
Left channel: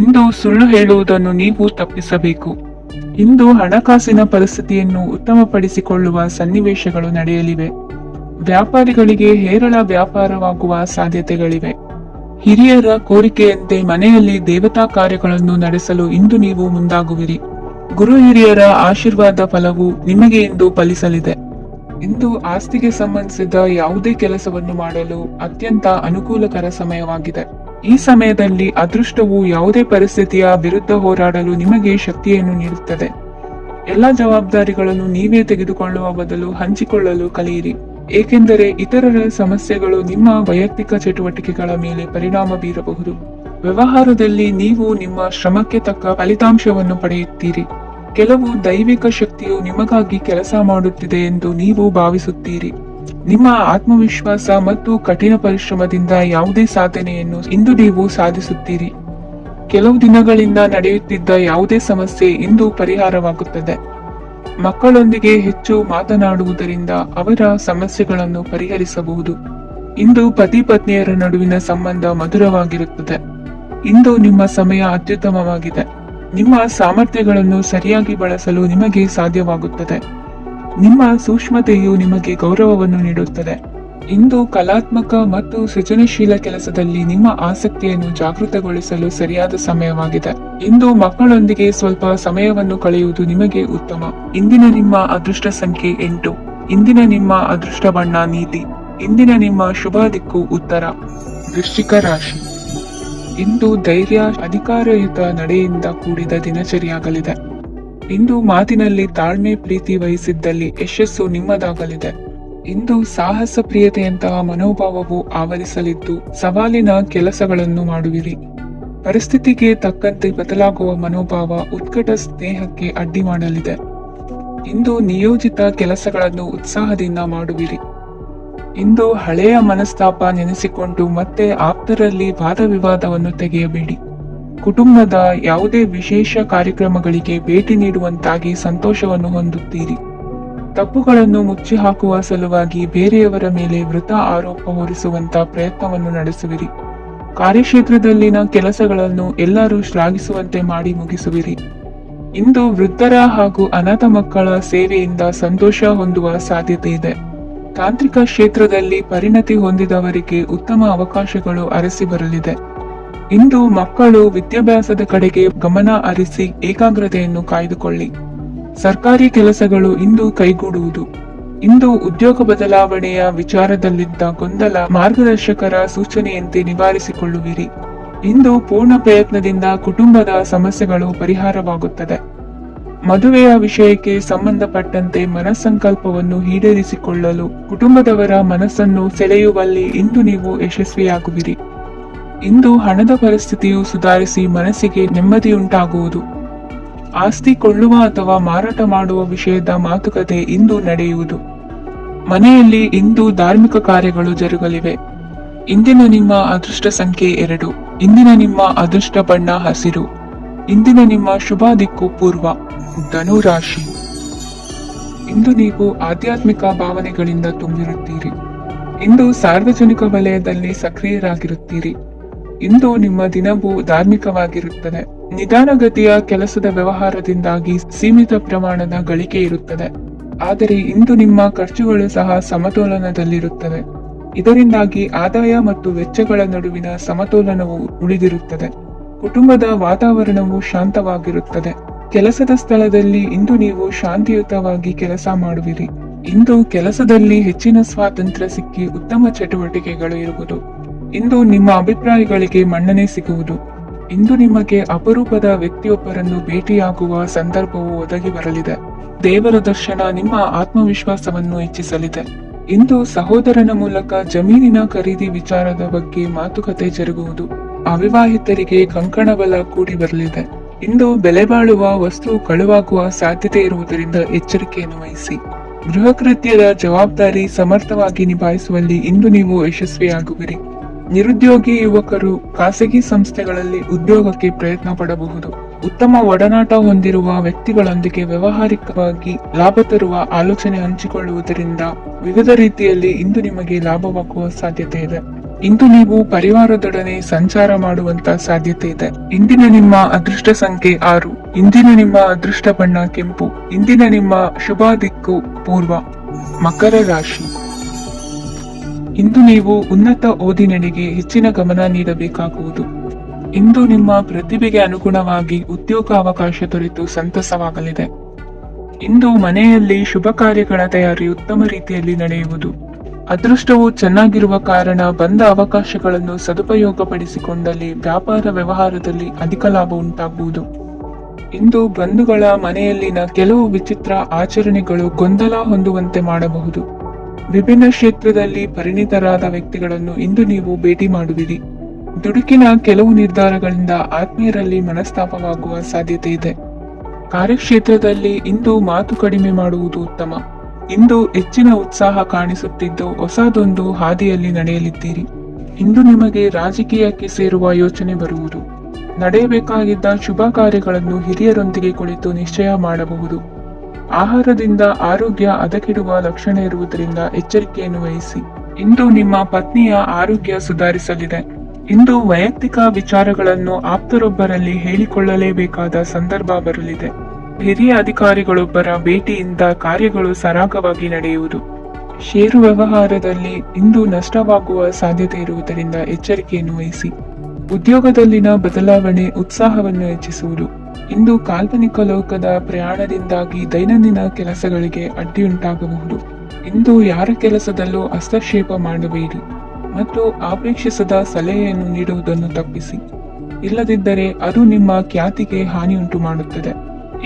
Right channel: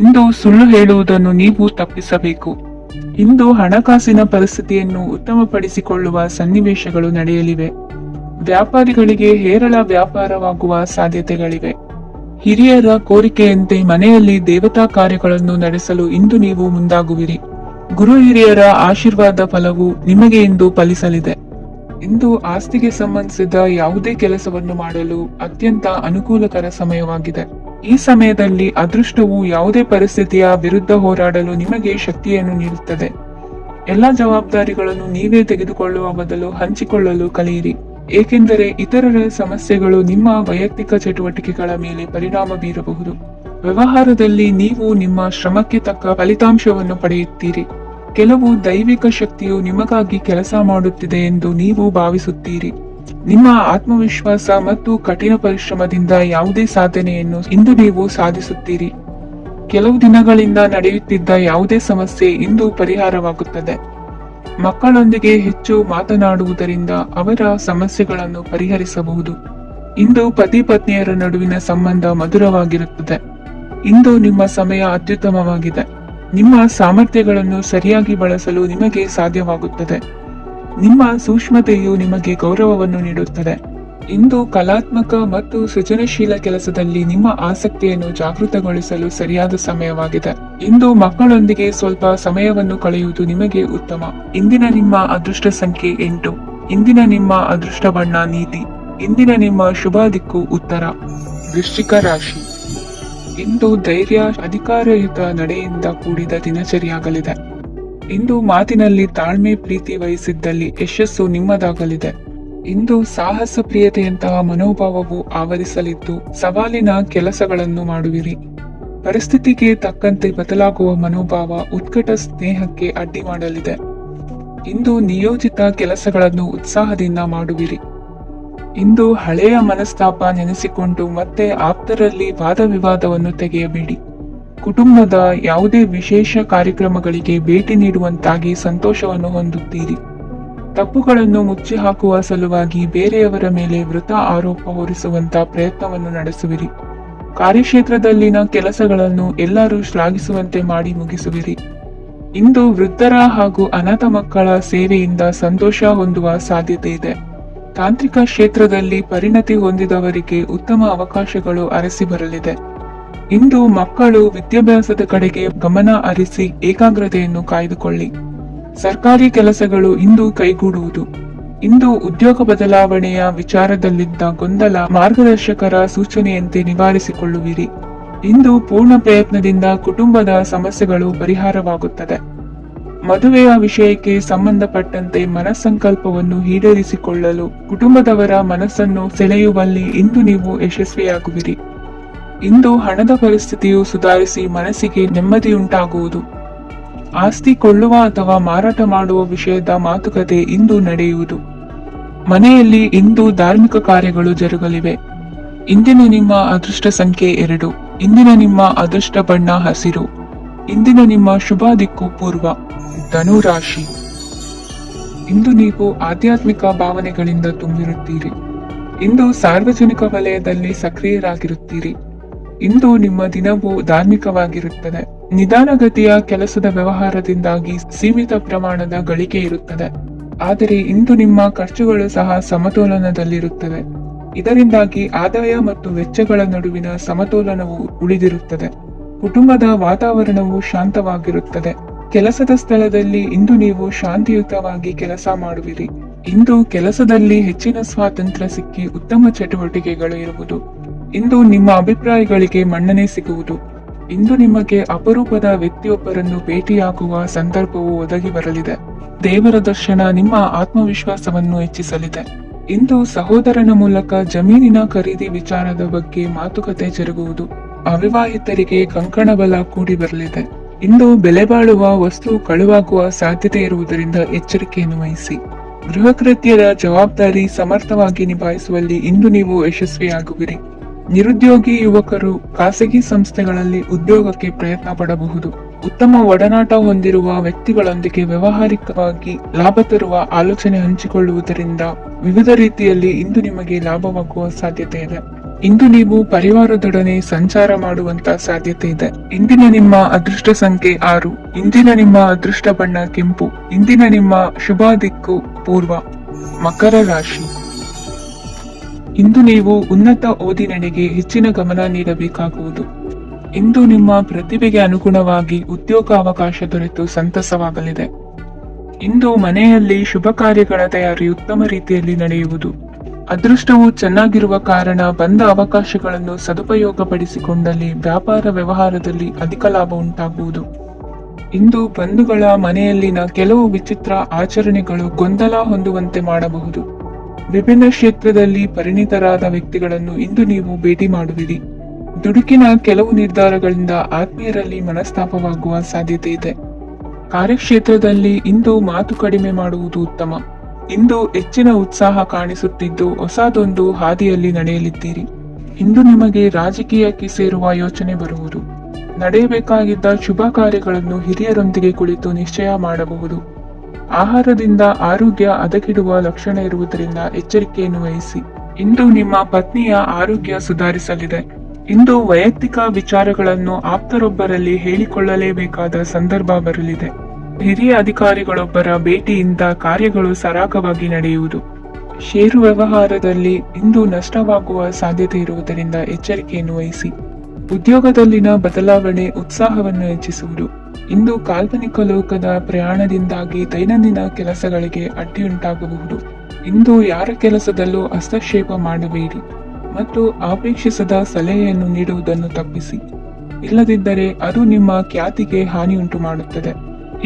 ಇಂದು ಸುಳ್ಳು ಹೇಳುವುದನ್ನು ನೀವು ತಪ್ಪಿಸಬೇಕು. ಇಂದು ಹಣಕಾಸಿನ ಪರಿಸ್ಥಿತಿಯನ್ನು ಉತ್ತಮಪಡಿಸಿಕೊಳ್ಳುವ ಸನ್ನಿವೇಶಗಳು ನಡೆಯಲಿವೆ. ವ್ಯಾಪಾರಿಗಳಿಗೆ ಹೇರಳ ವ್ಯಾಪಾರವಾಗುವ ಸಾಧ್ಯತೆಗಳಿವೆ. ಹಿರಿಯರ ಕೋರಿಕೆಯಂತೆ ಮನೆಯಲ್ಲಿ ದೇವತಾ ಕಾರ್ಯಗಳನ್ನು ನಡೆಸಲು ಇಂದು ನೀವು ಮುಂದಾಗುವಿರಿ. ಗುರು ಹಿರಿಯರ ಆಶೀರ್ವಾದ ಫಲವು ನಿಮಗೆ ಇಂದು ಫಲಿಸಲಿದೆ. ಇಂದು ಆಸ್ತಿಗೆ ಸಂಬಂಧಿಸಿದ ಯಾವುದೇ ಕೆಲಸವನ್ನು ಮಾಡಲು ಅತ್ಯಂತ ಅನುಕೂಲಕರ ಸಮಯವಾಗಿದೆ. ಈ ಸಮಯದಲ್ಲಿ ಅದೃಷ್ಟವು ಯಾವುದೇ ಪರಿಸ್ಥಿತಿಯ ವಿರುದ್ಧ ಹೋರಾಡಲು ನಿಮಗೆ ಶಕ್ತಿಯನ್ನು ನೀಡುತ್ತದೆ. ಎಲ್ಲ ಜವಾಬ್ದಾರಿಗಳನ್ನು ನೀವೇ ತೆಗೆದುಕೊಳ್ಳುವ ಬದಲು ಹಂಚಿಕೊಳ್ಳಲು ಕಲಿಯಿರಿ, ಏಕೆಂದರೆ ಇತರರ ಸಮಸ್ಯೆಗಳು ನಿಮ್ಮ ವೈಯಕ್ತಿಕ ಚಟುವಟಿಕೆಗಳ ಮೇಲೆ ಪರಿಣಾಮ ಬೀರಬಹುದು. ವ್ಯವಹಾರದಲ್ಲಿ ನೀವು ನಿಮ್ಮ ಶ್ರಮಕ್ಕೆ ತಕ್ಕ ಫಲಿತಾಂಶವನ್ನು ಪಡೆಯುತ್ತೀರಿ. ಕೆಲವು ದೈವಿಕ ಶಕ್ತಿಯು ನಿಮಗಾಗಿ ಕೆಲಸ ಮಾಡುತ್ತಿದೆ ಎಂದು ನೀವು ಭಾವಿಸುತ್ತೀರಿ. ನಿಮ್ಮ ಆತ್ಮವಿಶ್ವಾಸ ಮತ್ತು ಕಠಿಣ ಪರಿಶ್ರಮದಿಂದ ಯಾವುದೇ ಸಾಧನೆಯನ್ನು ಇಂದು ನೀವು ಸಾಧಿಸುತ್ತೀರಿ. ಕೆಲವು ದಿನಗಳಿಂದ ನಡೆಯುತ್ತಿದ್ದ ಯಾವುದೇ ಸಮಸ್ಯೆ ಇಂದು ಪರಿಹಾರವಾಗುತ್ತದೆ. ಮಕ್ಕಳೊಂದಿಗೆ ಹೆಚ್ಚು ಮಾತನಾಡುವುದರಿಂದ ಅವರ ಸಮಸ್ಯೆಗಳನ್ನು ಪರಿಹರಿಸಬಹುದು. ಇಂದು ಪತಿ ಪತ್ನಿಯರ ನಡುವಿನ ಸಂಬಂಧ ಮಧುರವಾಗಿರುತ್ತದೆ. ಇಂದು ನಿಮ್ಮ ಸಮಯ ಅತ್ಯುತ್ತಮವಾಗಿದೆ. ನಿಮ್ಮ ಸಾಮರ್ಥ್ಯಗಳನ್ನು ಸರಿಯಾಗಿ ಬಳಸಲು ನಿಮಗೆ ಸಾಧ್ಯವಾಗುತ್ತದೆ. ನಿಮ್ಮ ಸೂಕ್ಷ್ಮತೆಯು ನಿಮಗೆ ಗೌರವವನ್ನು ನೀಡುತ್ತದೆ. ಇಂದು ಕಲಾತ್ಮಕ ಮತ್ತು ಸೃಜನಶೀಲ ಕೆಲಸದಲ್ಲಿ ನಿಮ್ಮ ಆಸಕ್ತಿಯನ್ನು ಜಾಗೃತಗೊಳಿಸಲು ಸರಿಯಾದ ಸಮಯವಾಗಿದೆ. ಇಂದು ಮಕ್ಕಳೊಂದಿಗೆ ಸ್ವಲ್ಪ ಸಮಯವನ್ನು ಕಳೆಯುವುದು ನಿಮಗೆ ಉತ್ತಮ. ಇಂದಿನ ನಿಮ್ಮ ಅದೃಷ್ಟ ಸಂಖ್ಯೆ 8. ಇಂದಿನ ನಿಮ್ಮ ಅದೃಷ್ಟ ಬಣ್ಣ ನೀಲಿ. ಇಂದಿನ ನಿಮ್ಮ ಶುಭ ದಿಕ್ಕು ಉತ್ತರ. ವೃಶ್ಚಿಕ ರಾಶಿ. ಇಂದು ಧೈರ್ಯ, ಅಧಿಕಾರಯುತ ನಡೆಯಿಂದ ಕೂಡಿದ ದಿನಚರಿಯಾಗಲಿದೆ. ಇಂದು ಮಾತಿನಲ್ಲಿ ತಾಳ್ಮೆ, ಪ್ರೀತಿ ವಹಿಸಿದ್ದಲ್ಲಿ ಯಶಸ್ಸು ನಿಮ್ಮದಾಗಲಿದೆ. ಇಂದು ಸಾಹಸ ಪ್ರಿಯತೆಯಂತಹ ಮನೋಭಾವವು ಆವರಿಸಲಿದ್ದು ಸವಾಲಿನ ಕೆಲಸಗಳನ್ನು ಮಾಡುವಿರಿ. ಪರಿಸ್ಥಿತಿಗೆ ತಕ್ಕಂತೆ ಬದಲಾಗುವ ಮನೋಭಾವ ಉತ್ಕಟ ಸ್ನೇಹಕ್ಕೆ ಅಡ್ಡಿ ಮಾಡಲಿದೆ. ಇಂದು ನಿಯೋಜಿತ ಕೆಲಸಗಳನ್ನು ಉತ್ಸಾಹದಿಂದ ಮಾಡುವಿರಿ. ಇಂದು ಹಳೆಯ ಮನಸ್ತಾಪ ನೆನೆಸಿಕೊಂಡು ಮತ್ತೆ ಆಪ್ತರಲ್ಲಿ ವಾದ ವಿವಾದವನ್ನು ತೆಗೆಯಬೇಡಿ. ಕುಟುಂಬದ ಯಾವುದೇ ವಿಶೇಷ ಕಾರ್ಯಕ್ರಮಗಳಿಗೆ ಭೇಟಿ ನೀಡುವಂತಾಗಿ ಸಂತೋಷವನ್ನು ಹೊಂದುತ್ತೀರಿ. ತಪ್ಪುಗಳನ್ನು ಮುಚ್ಚಿ ಹಾಕುವ ಸಲುವಾಗಿ ಬೇರೆಯವರ ಮೇಲೆ ವೃಥ ಆರೋಪ ಹೊರಿಸುವಂತ ಪ್ರಯತ್ನವನ್ನು ನಡೆಸುವಿರಿ. ಕಾರ್ಯಕ್ಷೇತ್ರದಲ್ಲಿನ ಕೆಲಸಗಳನ್ನು ಎಲ್ಲರೂ ಶ್ಲಾಘಿಸುವಂತೆ ಮಾಡಿ ಮುಗಿಸುವಿರಿ. ಇಂದು ವೃದ್ಧರ ಹಾಗೂ ಅನಾಥ ಮಕ್ಕಳ ಸೇವೆಯಿಂದ ಸಂತೋಷ ಹೊಂದುವ ಸಾಧ್ಯತೆ ಇದೆ. ತಾಂತ್ರಿಕ ಕ್ಷೇತ್ರದಲ್ಲಿ ಪರಿಣತಿ ಹೊಂದಿದವರಿಗೆ ಉತ್ತಮ ಅವಕಾಶಗಳು ಅರಸಿ ಬರಲಿದೆ. ಇಂದು ಮಕ್ಕಳು ವಿದ್ಯಾಭ್ಯಾಸದ ಕಡೆಗೆ ಗಮನ ಹರಿಸಿ ಏಕಾಗ್ರತೆಯನ್ನು ಕಾಯ್ದುಕೊಳ್ಳಿ. ಸರ್ಕಾರಿ ಕೆಲಸಗಳು ಇಂದು ಕೈಗೂಡುವುದು. ಇಂದು ಉದ್ಯೋಗ ಬದಲಾವಣೆಯ ವಿಚಾರದಲ್ಲಿದ್ದ ಗೊಂದಲ ಮಾರ್ಗದರ್ಶಕರ ಸೂಚನೆಯಂತೆ ನಿವಾರಿಸಿಕೊಳ್ಳುವಿರಿ. ಇಂದು ಪೂರ್ಣ ಪ್ರಯತ್ನದಿಂದ ಕುಟುಂಬದ ಸಮಸ್ಯೆಗಳು ಪರಿಹಾರವಾಗುತ್ತದೆ. ಮದುವೆಯ ವಿಷಯಕ್ಕೆ ಸಂಬಂಧಪಟ್ಟಂತೆ ಮನಸ್ಸಂಕಲ್ಪವನ್ನು ಈಡೇರಿಸಿಕೊಳ್ಳಲು ಕುಟುಂಬದವರ ಮನಸ್ಸನ್ನು ಸೆಳೆಯುವಲ್ಲಿ ಇಂದು ನೀವು ಯಶಸ್ವಿಯಾಗುವಿರಿ. ಇಂದು ಹಣದ ಪರಿಸ್ಥಿತಿಯು ಸುಧಾರಿಸಿ ಮನಸ್ಸಿಗೆ ನೆಮ್ಮದಿಯುಂಟಾಗುವುದು. ಆಸ್ತಿ ಕೊಳ್ಳುವ ಅಥವಾ ಮಾರಾಟ ಮಾಡುವ ವಿಷಯದ ಮಾತುಕತೆ ಇಂದು ನಡೆಯುವುದು. ಮನೆಯಲ್ಲಿ ಇಂದು ಧಾರ್ಮಿಕ ಕಾರ್ಯಗಳು ಜರುಗಲಿವೆ. ಇಂದಿನ ನಿಮ್ಮ ಅದೃಷ್ಟ ಸಂಖ್ಯೆ 2. ಇಂದಿನ ನಿಮ್ಮ ಅದೃಷ್ಟ ಬಣ್ಣ ಹಸಿರು. ಇಂದಿನ ನಿಮ್ಮ ಶುಭ ದಿಕ್ಕು ಪೂರ್ವ. ಧನು ರಾಶಿ. ಇಂದು ನೀವು ಆಧ್ಯಾತ್ಮಿಕ ಭಾವನೆಗಳಿಂದ ತುಂಬಿರುತ್ತೀರಿ. ಇಂದು ಸಾರ್ವಜನಿಕ ವಲಯದಲ್ಲಿ ಸಕ್ರಿಯರಾಗಿರುತ್ತೀರಿ. ಇಂದು ನಿಮ್ಮ ದಿನವೂ ಧಾರ್ಮಿಕವಾಗಿರುತ್ತದೆ. ನಿಧಾನಗತಿಯ ಕೆಲಸದ ವ್ಯವಹಾರದಿಂದಾಗಿ ಸೀಮಿತ ಪ್ರಮಾಣದ ಗಳಿಕೆ ಇರುತ್ತದೆ. ಆದರೆ ಇಂದು ನಿಮ್ಮ ಖರ್ಚುಗಳು ಸಹ ಸಮತೋಲನದಲ್ಲಿರುತ್ತವೆ. ಇದರಿಂದಾಗಿ ಆದಾಯ ಮತ್ತು ವೆಚ್ಚಗಳ ನಡುವಿನ ಸಮತೋಲನವು ಉಳಿದಿರುತ್ತದೆ. ಕುಟುಂಬದ ವಾತಾವರಣವು ಶಾಂತವಾಗಿರುತ್ತದೆ. ಕೆಲಸದ ಸ್ಥಳದಲ್ಲಿ ಇಂದು ನೀವು ಶಾಂತಿಯುತವಾಗಿ ಕೆಲಸ ಮಾಡುವಿರಿ. ಇಂದು ಕೆಲಸದಲ್ಲಿ ಹೆಚ್ಚಿನ ಸ್ವಾತಂತ್ರ್ಯ ಸಿಕ್ಕಿ ಉತ್ತಮ ಚಟುವಟಿಕೆಗಳು ಇರುವುದು. ಇಂದು ನಿಮ್ಮ ಅಭಿಪ್ರಾಯಗಳಿಗೆ ಮನ್ನಣೆ ಸಿಗುವುದು. ಇಂದು ನಿಮಗೆ ಅಪರೂಪದ ವ್ಯಕ್ತಿಯೊಬ್ಬರನ್ನು ಭೇಟಿಯಾಗುವ ಸಂದರ್ಭವು ಒದಗಿ ಬರಲಿದೆ. ದೇವರ ದರ್ಶನ ನಿಮ್ಮ ಆತ್ಮವಿಶ್ವಾಸವನ್ನು ಹೆಚ್ಚಿಸಲಿದೆ. ಇಂದು ಸಹೋದರನ ಮೂಲಕ ಜಮೀನಿನ ಖರೀದಿ ವಿಚಾರದ ಬಗ್ಗೆ ಮಾತುಕತೆ ಜರುಗುವುದು. ಅವಿವಾಹಿತರಿಗೆ ಕಂಕಣ ಬಲ ಕೂಡಿ ಬರಲಿದೆ. ಇಂದು ಬೆಲೆ ಬಾಳುವ ವಸ್ತು ಕಳುವಾಗುವ ಸಾಧ್ಯತೆ ಇರುವುದರಿಂದ ಎಚ್ಚರಿಕೆಯನ್ನು ವಹಿಸಿ. ಗೃಹ ಕೃತ್ಯದ ಜವಾಬ್ದಾರಿ ಸಮರ್ಥವಾಗಿ ನಿಭಾಯಿಸುವಲ್ಲಿ ಇಂದು ನೀವು ಯಶಸ್ವಿಯಾಗುವಿರಿ. ನಿರುದ್ಯೋಗಿ ಯುವಕರು ಖಾಸಗಿ ಸಂಸ್ಥೆಗಳಲ್ಲಿ ಉದ್ಯೋಗಕ್ಕೆ ಪ್ರಯತ್ನ ಪಡಬಹುದು. ಉತ್ತಮ ಒಡನಾಟ ಹೊಂದಿರುವ ವ್ಯಕ್ತಿಗಳೊಂದಿಗೆ ವ್ಯಾವಹಾರಿಕವಾಗಿ ಲಾಭ ತರುವ ಆಲೋಚನೆ ಹಂಚಿಕೊಳ್ಳುವುದರಿಂದ ವಿವಿಧ ರೀತಿಯಲ್ಲಿ ಇಂದು ನಿಮಗೆ ಲಾಭವಾಗುವ ಸಾಧ್ಯತೆ ಇದೆ. ಇಂದು ನೀವು ಪರಿವಾರದೊಡನೆ ಸಂಚಾರ ಮಾಡುವಂತ ಸಾಧ್ಯತೆ ಇದೆ. ಇಂದಿನ ನಿಮ್ಮ ಅದೃಷ್ಟ ಸಂಖ್ಯೆ 6. ಇಂದಿನ ನಿಮ್ಮ ಅದೃಷ್ಟ ಬಣ್ಣ ಕೆಂಪು. ಇಂದಿನ ನಿಮ್ಮ ಶುಭ ದಿಕ್ಕು ಪೂರ್ವ. ಮಕರ ರಾಶಿ. ಇಂದು ನೀವು ಉನ್ನತ ಓದಿನೆಡೆಗೆ ಹೆಚ್ಚಿನ ಗಮನ ನೀಡಬೇಕಾಗುವುದು. ಇಂದು ನಿಮ್ಮ ಪ್ರತಿಭೆಗೆ ಅನುಗುಣವಾಗಿ ಉದ್ಯೋಗಾವಕಾಶ ದೊರೆತು ಸಂತಸವಾಗಲಿದೆ. ಇಂದು ಮನೆಯಲ್ಲಿ ಶುಭ ಕಾರ್ಯಗಳ ತಯಾರಿ ಉತ್ತಮ ರೀತಿಯಲ್ಲಿ ನಡೆಯುವುದು. ಅದೃಷ್ಟವು ಚೆನ್ನಾಗಿರುವ ಕಾರಣ ಬಂದ ಅವಕಾಶಗಳನ್ನು ಸದುಪಯೋಗಪಡಿಸಿಕೊಂಡಲ್ಲಿ ವ್ಯಾಪಾರ ವ್ಯವಹಾರದಲ್ಲಿ ಅಧಿಕ ಲಾಭ ಉಂಟಾಗುವುದು. ಇಂದು ಬಂಧುಗಳ ಮನೆಯಲ್ಲಿನ ಕೆಲವು ವಿಚಿತ್ರ ಆಚರಣೆಗಳು ಗೊಂದಲ ಹೊಂದುವಂತೆ ಮಾಡಬಹುದು. ವಿಭಿನ್ನ ಕ್ಷೇತ್ರದಲ್ಲಿ ಪರಿಣಿತರಾದ ವ್ಯಕ್ತಿಗಳನ್ನು ಇಂದು ನೀವು ಭೇಟಿ ಮಾಡುವಿರಿ. ದುಡುಕಿನ ಕೆಲವು ನಿರ್ಧಾರಗಳಿಂದ ಆತ್ಮೀಯರಲ್ಲಿ ಮನಸ್ತಾಪವಾಗುವ ಸಾಧ್ಯತೆ ಇದೆ. ಕಾರ್ಯಕ್ಷೇತ್ರದಲ್ಲಿ ಇಂದು ಮಾತು ಕಡಿಮೆ ಮಾಡುವುದು ಉತ್ತಮ. ಇಂದು ಹೆಚ್ಚಿನ ಉತ್ಸಾಹ ಕಾಣಿಸುತ್ತಿದ್ದು ಹೊಸದೊಂದು ಹಾದಿಯಲ್ಲಿ ನಡೆಯಲಿದ್ದೀರಿ. ಇಂದು ನಿಮಗೆ ರಾಜಕೀಯಕ್ಕೆ ಸೇರುವ ಯೋಚನೆ ಬರುವುದು. ನಡೆಯಬೇಕಾಗಿದ್ದ ಶುಭ ಕಾರ್ಯಗಳನ್ನು ಹಿರಿಯರೊಂದಿಗೆ ಕುಳಿತು ನಿಶ್ಚಯ ಮಾಡಬಹುದು. ಆಹಾರದಿಂದ ಆರೋಗ್ಯ ಹದಗೆಡುವ ಲಕ್ಷಣ ಇರುವುದರಿಂದ ಎಚ್ಚರಿಕೆಯನ್ನು ವಹಿಸಿ. ಇಂದು ನಿಮ್ಮ ಪತ್ನಿಯ ಆರೋಗ್ಯ ಸುಧಾರಿಸಲಿದೆ. ಇಂದು ವೈಯಕ್ತಿಕ ವಿಚಾರಗಳನ್ನು ಆಪ್ತರೊಬ್ಬರಲ್ಲಿ ಹೇಳಿಕೊಳ್ಳಲೇಬೇಕಾದ ಸಂದರ್ಭ ಬರಲಿದೆ. ಹಿರಿಯ ಅಧಿಕಾರಿಗಳೊಬ್ಬರ ಭೇಟಿಯಿಂದ ಕಾರ್ಯಗಳು ಸರಾಗವಾಗಿ ನಡೆಯುವುದು. ಷೇರು ವ್ಯವಹಾರದಲ್ಲಿ ಇಂದು ನಷ್ಟವಾಗುವ ಸಾಧ್ಯತೆ ಇರುವುದರಿಂದ ಎಚ್ಚರಿಕೆಯನ್ನು ವಹಿಸಿ. ಉದ್ಯೋಗದಲ್ಲಿನ ಬದಲಾವಣೆ ಉತ್ಸಾಹವನ್ನು ಹೆಚ್ಚಿಸುವುದು. ಇಂದು ಕಾಲ್ಪನಿಕ ಲೋಕದ ಪ್ರಯಾಣದಿಂದಾಗಿ ದೈನಂದಿನ ಕೆಲಸಗಳಿಗೆ ಅಡ್ಡಿಯುಂಟಾಗಬಹುದು. ಇಂದು ಯಾರ ಕೆಲಸದಲ್ಲೂ ಹಸ್ತಕ್ಷೇಪ ಮಾಡಬೇಡಿ ಮತ್ತು ಅಪೇಕ್ಷಿಸದ ಸಲಹೆಯನ್ನು ನೀಡುವುದನ್ನು ತಪ್ಪಿಸಿ. ಇಲ್ಲದಿದ್ದರೆ ಅದು ನಿಮ್ಮ ಖ್ಯಾತಿಗೆ ಹಾನಿಯುಂಟು ಮಾಡುತ್ತದೆ.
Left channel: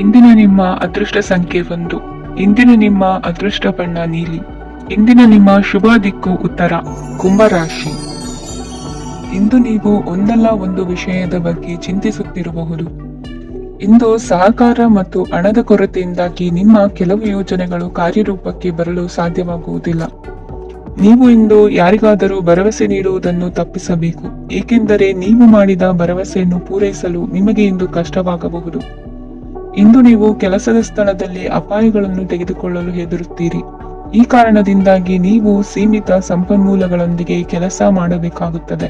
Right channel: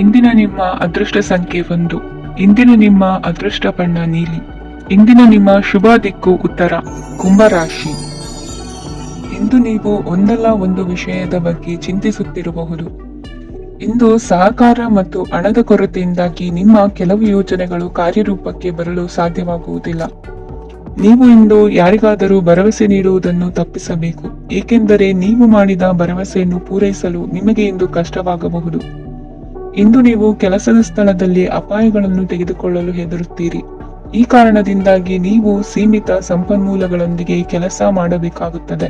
ಇಂದಿನ ನಿಮ್ಮ ಅದೃಷ್ಟ ಸಂಖ್ಯೆ 1. ಇಂದಿನ ನಿಮ್ಮ ಅದೃಷ್ಟ ಬಣ್ಣ ನೀಲಿ. ಇಂದಿನ ನಿಮ್ಮ ಶುಭ ದಿಕ್ಕು ಉತ್ತರ. ಕುಂಭರಾಶಿ. ಇಂದು ನೀವು ಒಂದಲ್ಲ ಒಂದು ವಿಷಯದ ಬಗ್ಗೆ ಚಿಂತಿಸುತ್ತಿರಬಹುದು. ಇಂದು ಸಹಕಾರ ಮತ್ತು ಹಣದ ಕೊರತೆಯಿಂದಾಗಿ ನಿಮ್ಮ ಕೆಲವು ಯೋಜನೆಗಳು ಕಾರ್ಯರೂಪಕ್ಕೆ ಬರಲು ಸಾಧ್ಯವಾಗುವುದಿಲ್ಲ. ನೀವು ಇಂದು ಯಾರಿಗಾದರೂ ಭರವಸೆ ನೀಡುವುದನ್ನು ತಪ್ಪಿಸಬೇಕು, ಏಕೆಂದರೆ ನೀವು ಮಾಡಿದ ಭರವಸೆಯನ್ನು ಪೂರೈಸಲು ನಿಮಗೆ ಇಂದು ಕಷ್ಟವಾಗಬಹುದು. ಇಂದು ನೀವು ಕೆಲಸದ ಸ್ಥಳದಲ್ಲಿ ಅಪಾಯಗಳನ್ನು ತೆಗೆದುಕೊಳ್ಳಲು ಹೆದರುತ್ತೀರಿ. ಈ ಕಾರಣದಿಂದಾಗಿ ನೀವು ಸೀಮಿತ ಸಂಪನ್ಮೂಲಗಳೊಂದಿಗೆ ಕೆಲಸ ಮಾಡಬೇಕಾಗುತ್ತದೆ.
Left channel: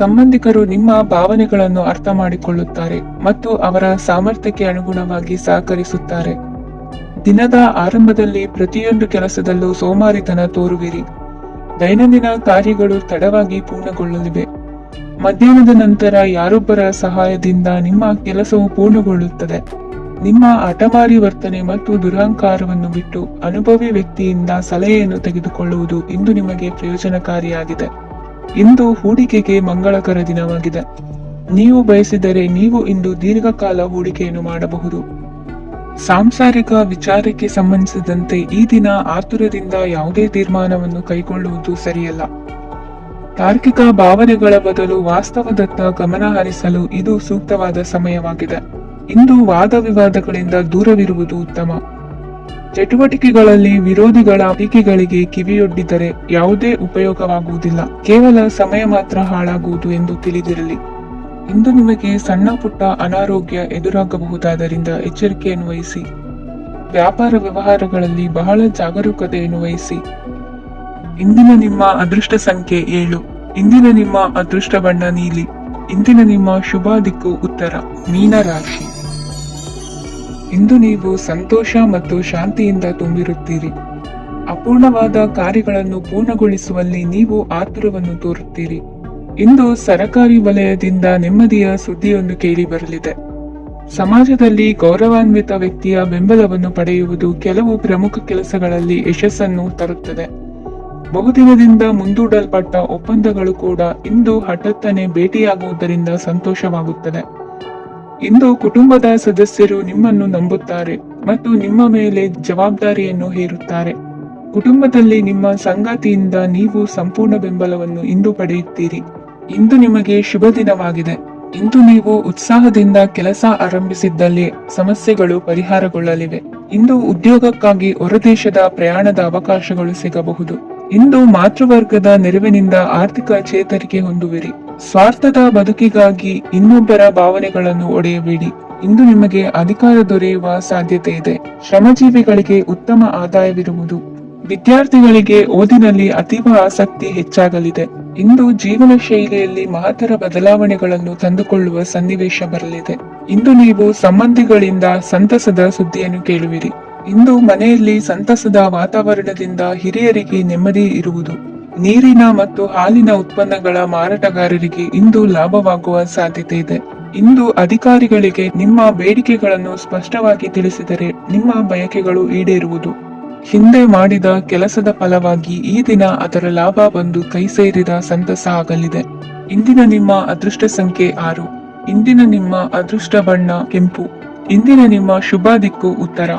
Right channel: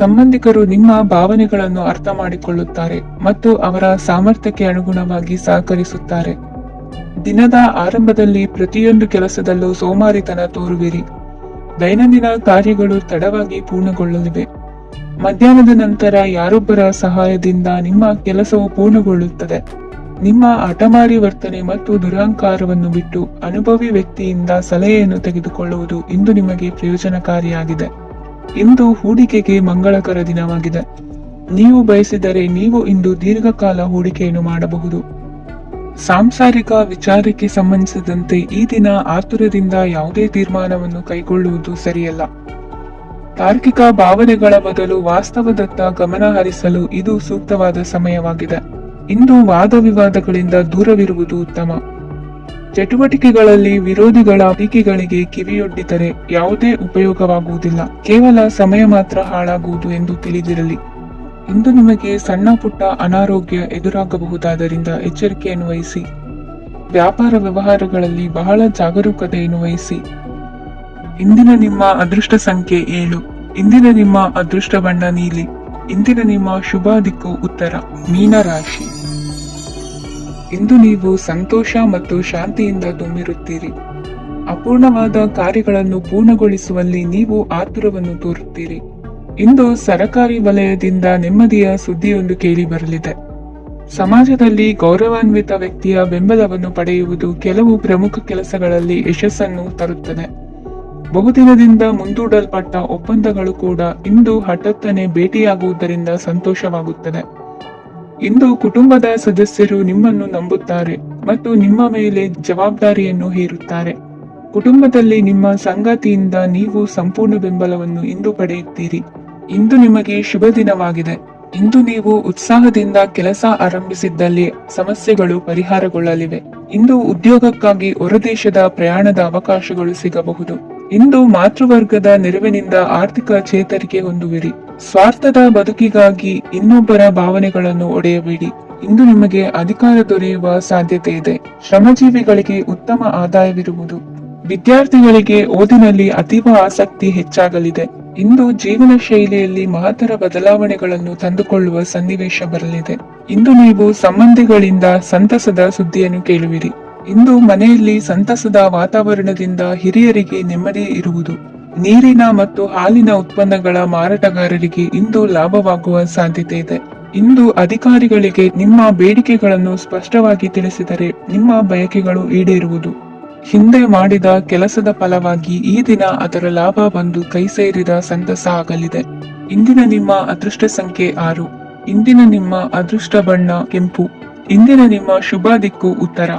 ಸಂಬಂಧಿಕರು ನಿಮ್ಮ ಭಾವನೆಗಳನ್ನು ಅರ್ಥ ಮಾಡಿಕೊಳ್ಳುತ್ತಾರೆ ಮತ್ತು ಅವರ ಸಾಮರ್ಥ್ಯಕ್ಕೆ ಅನುಗುಣವಾಗಿ ಸಹಕರಿಸುತ್ತಾರೆ. ದಿನದ ಆರಂಭದಲ್ಲಿ ಪ್ರತಿಯೊಂದು ಕೆಲಸದಲ್ಲೂ ಸೋಮಾರಿತನ ತೋರುವಿರಿ. ದೈನಂದಿನ ಕಾರ್ಯಗಳು ತಡವಾಗಿ ಪೂರ್ಣಗೊಳ್ಳಲಿವೆ. ಮಧ್ಯಾಹ್ನದ ನಂತರ ಯಾರೊಬ್ಬರ ಸಹಾಯದಿಂದ ನಿಮ್ಮ ಕೆಲಸವು ಪೂರ್ಣಗೊಳ್ಳುತ್ತದೆ. ನಿಮ್ಮ ಹಠಮಾರಿ ವರ್ತನೆ ಮತ್ತು ದುರಹಂಕಾರವನ್ನು ಬಿಟ್ಟು ಅನುಭವಿ ವ್ಯಕ್ತಿಯಿಂದ ಸಲಹೆಯನ್ನು ತೆಗೆದುಕೊಳ್ಳುವುದು ಇಂದು ನಿಮಗೆ ಪ್ರಯೋಜನಕಾರಿಯಾಗಿದೆ. ಇಂದು ಹೂಡಿಕೆಗೆ ಮಂಗಳಕರ ದಿನವಾಗಿದೆ. ನೀವು ಬಯಸಿದರೆ ನೀವು ಇಂದು ದೀರ್ಘಕಾಲ ಹೂಡಿಕೆಯನ್ನು ಮಾಡಬಹುದು. ಸಾಂಸಾರಿಕ ವಿಚಾರಕ್ಕೆ ಸಂಬಂಧಿಸಿದಂತೆ ಈ ದಿನ ಆತುರದಿಂದ ಯಾವುದೇ ತೀರ್ಮಾನವನ್ನು ಕೈಗೊಳ್ಳುವುದು ಸರಿಯಲ್ಲ. ತಾರ್ಕಿಕ ಭಾವನೆಗಳ ಬದಲು ವಾಸ್ತವದತ್ತ ಗಮನ ಹರಿಸಲು ಇದು ಸೂಕ್ತವಾದ ಸಮಯವಾಗಿದೆ. ಇಂದು ವಾದ ವಿವಾದಗಳಿಂದ ದೂರವಿರುವುದು ಉತ್ತಮ. ಚಟುವಟಿಕೆಗಳಲ್ಲಿ ವಿರೋಧಿಗಳ ಟೀಕೆಗಳಿಗೆ ಕಿವಿಯೊಡ್ಡಿದರೆ ಯಾವುದೇ ಉಪಯೋಗವಾಗುವುದಿಲ್ಲ, ಕೇವಲ ಸಮಯ ಮಾತ್ರ ಹಾಳಾಗುವುದು ಎಂದು ತಿಳಿದಿರಲಿ. ಇಂದು ನಿಮಗೆ ಸಣ್ಣ ಪುಟ್ಟ ಅನಾರೋಗ್ಯ ಎದುರಾಗಬಹುದಾದ್ದರಿಂದ ಎಚ್ಚರಿಕೆಯನ್ನು ವಹಿಸಿ. ವ್ಯಾಪಾರ ವ್ಯವಹಾರಗಳಲ್ಲಿ ಬಹಳ ಜಾಗರೂಕತೆಯನ್ನು ವಹಿಸಿ. ಇಂದಿನ ನಿಮ್ಮ ಅದೃಷ್ಟ ಸಂಖ್ಯೆ 7. ಇಂದಿನ ನಿಮ್ಮ ಅದೃಷ್ಟ ಬಣ್ಣ ನೀಲಿ. ಇಂದಿನ ನಿಮ್ಮ ಶುಭ ದಿಕ್ಕು ಉತ್ತರ, ಮೀನ ರಾಶಿ. ಇಂದು ನೀವು ಸಂತೋಷ ಮತ್ತು ಶಾಂತಿಯಿಂದ ತುಂಬಿರುತ್ತೀರಿ. ಅಪೂರ್ಣವಾದ ಕಾರ್ಯಗಳನ್ನು ಪೂರ್ಣಗೊಳಿಸುವಲ್ಲಿ ನೀವು ಆತುರವನ್ನು ತೋರುತ್ತೀರಿ. ಇಂದು ಸರಕಾರಿ ವಲಯದಿಂದ ನೆಮ್ಮದಿಯ ಸುದ್ದಿಯೊಂದು ಕೇಳಿ ಬರಲಿದೆ. ಸಮಾಜದಲ್ಲಿ ಗೌರವಾನ್ವಿತ ವ್ಯಕ್ತಿಯ ಬೆಂಬಲವನ್ನು ಪಡೆಯುವುದು ಕೆಲವು ಪ್ರಮುಖ ಕೆಲಸಗಳಲ್ಲಿ ಯಶಸ್ಸನ್ನು ತರುತ್ತದೆ. ಬಹುದಿನದಿಂದ ಮುಂದೂಡಲ್ಪಟ್ಟ ಒಪ್ಪಂದಗಳು ಕೂಡ ಇಂದು ಹಠಾತ್ತನೆ ಭೇಟಿಯಾಗುವುದರಿಂದ ಸಂತೋಷವಾಗುತ್ತದೆ. ಇಂದು ಕುಟುಂಬದ ಸದಸ್ಯರು ನಿಮ್ಮನ್ನು ನಂಬುತ್ತಾರೆ ಮತ್ತು ನಿಮ್ಮ ಮೇಲೆ ಜವಾಬ್ದಾರಿಯನ್ನು ಹೇರುತ್ತಾರೆ. ಕುಟುಂಬದಲ್ಲಿ ನಿಮ್ಮ ಸಂಗಾತಿಯಿಂದ ನೀವು ಸಂಪೂರ್ಣ ಬೆಂಬಲವನ್ನು ಇಂದು ಪಡೆಯುತ್ತೀರಿ. ಇಂದು ನಿಮಗೆ ಶುಭ ದಿನವಾಗಿದೆ. ಇಂದು ನೀವು ಉತ್ಸಾಹದಿಂದ ಕೆಲಸ ಆರಂಭಿಸಿದ್ದಲ್ಲಿ ಸಮಸ್ಯೆಗಳು ಪರಿಹಾರಗೊಳ್ಳಲಿವೆ. ಇಂದು ಉದ್ಯೋಗಕ್ಕಾಗಿ ಹೊರದೇಶದ ಪ್ರಯಾಣದ ಅವಕಾಶಗಳು ಸಿಗಬಹುದು. ಇಂದು ಮಾತೃವರ್ಗದ ನೆರವಿನಿಂದ ಆರ್ಥಿಕ ಚೇತರಿಕೆ ಹೊಂದುವಿರಿ. ಸ್ವಾರ್ಥದ ಬದುಕಿಗಾಗಿ ಇನ್ನೊಬ್ಬರ ಭಾವನೆಗಳನ್ನು ಒಡೆಯಬೇಡಿ. ಇಂದು ನಿಮಗೆ ಅಧಿಕಾರ ದೊರೆಯುವ ಸಾಧ್ಯತೆ ಇದೆ. ಶ್ರಮಜೀವಿಗಳಿಗೆ ಉತ್ತಮ ಆದಾಯವಿರುವುದು. ವಿದ್ಯಾರ್ಥಿಗಳಿಗೆ ಓದಿನಲ್ಲಿ ಅತೀವ ಆಸಕ್ತಿ ಹೆಚ್ಚಾಗಲಿದೆ. ಇಂದು ಜೀವನ ಶೈಲಿಯಲ್ಲಿ ಮಹತ್ತರ ಬದಲಾವಣೆಗಳನ್ನು ತಂದುಕೊಳ್ಳುವ ಸನ್ನಿವೇಶ ಬರಲಿದೆ. ಇಂದು ನೀವು ಸಂಬಂಧಿಗಳಿಂದ ಸಂತಸದ ಸುದ್ದಿಯನ್ನು ಕೇಳುವಿರಿ. ಇಂದು ಮನೆಯಲ್ಲಿ ಸಂತಸದ ವಾತಾವರಣದಿಂದ ಹಿರಿಯರಿಗೆ ನೆಮ್ಮದಿ ಇರುವುದು. ನೀರಿನ ಮತ್ತು ಹಾಲಿನ ಉತ್ಪನ್ನಗಳ ಮಾರಾಟಗಾರರಿಗೆ ಇಂದು ಲಾಭವಾಗುವ ಸಾಧ್ಯತೆ ಇದೆ. ಇಂದು ಅಧಿಕಾರಿಗಳಿಗೆ ನಿಮ್ಮ ಬೇಡಿಕೆಗಳನ್ನು ಸ್ಪಷ್ಟವಾಗಿ ತಿಳಿಸಿದರೆ ನಿಮ್ಮ ಬಯಕೆಗಳು ಈಡೇರುವುದು. ಹಿಂದೆ ಮಾಡಿದ ಕೆಲಸದ ಫಲವಾಗಿ ಈ ದಿನ ಅದರ ಲಾಭ ಬಂದು ಕೈ ಸೇರಿದ ಸಂತಸ ಆಗಲಿದೆ. ಇಂದಿನ ನಿಮ್ಮ ಅದೃಷ್ಟ ಸಂಖ್ಯೆ 6. ಇಂದಿನ ನಿಮ್ಮ ಅದೃಷ್ಟ ಬಣ್ಣ ಕೆಂಪು. ಇಂದಿನ ನಿಮ್ಮ ಶುಭ ದಿಕ್ಕು ಉತ್ತರ.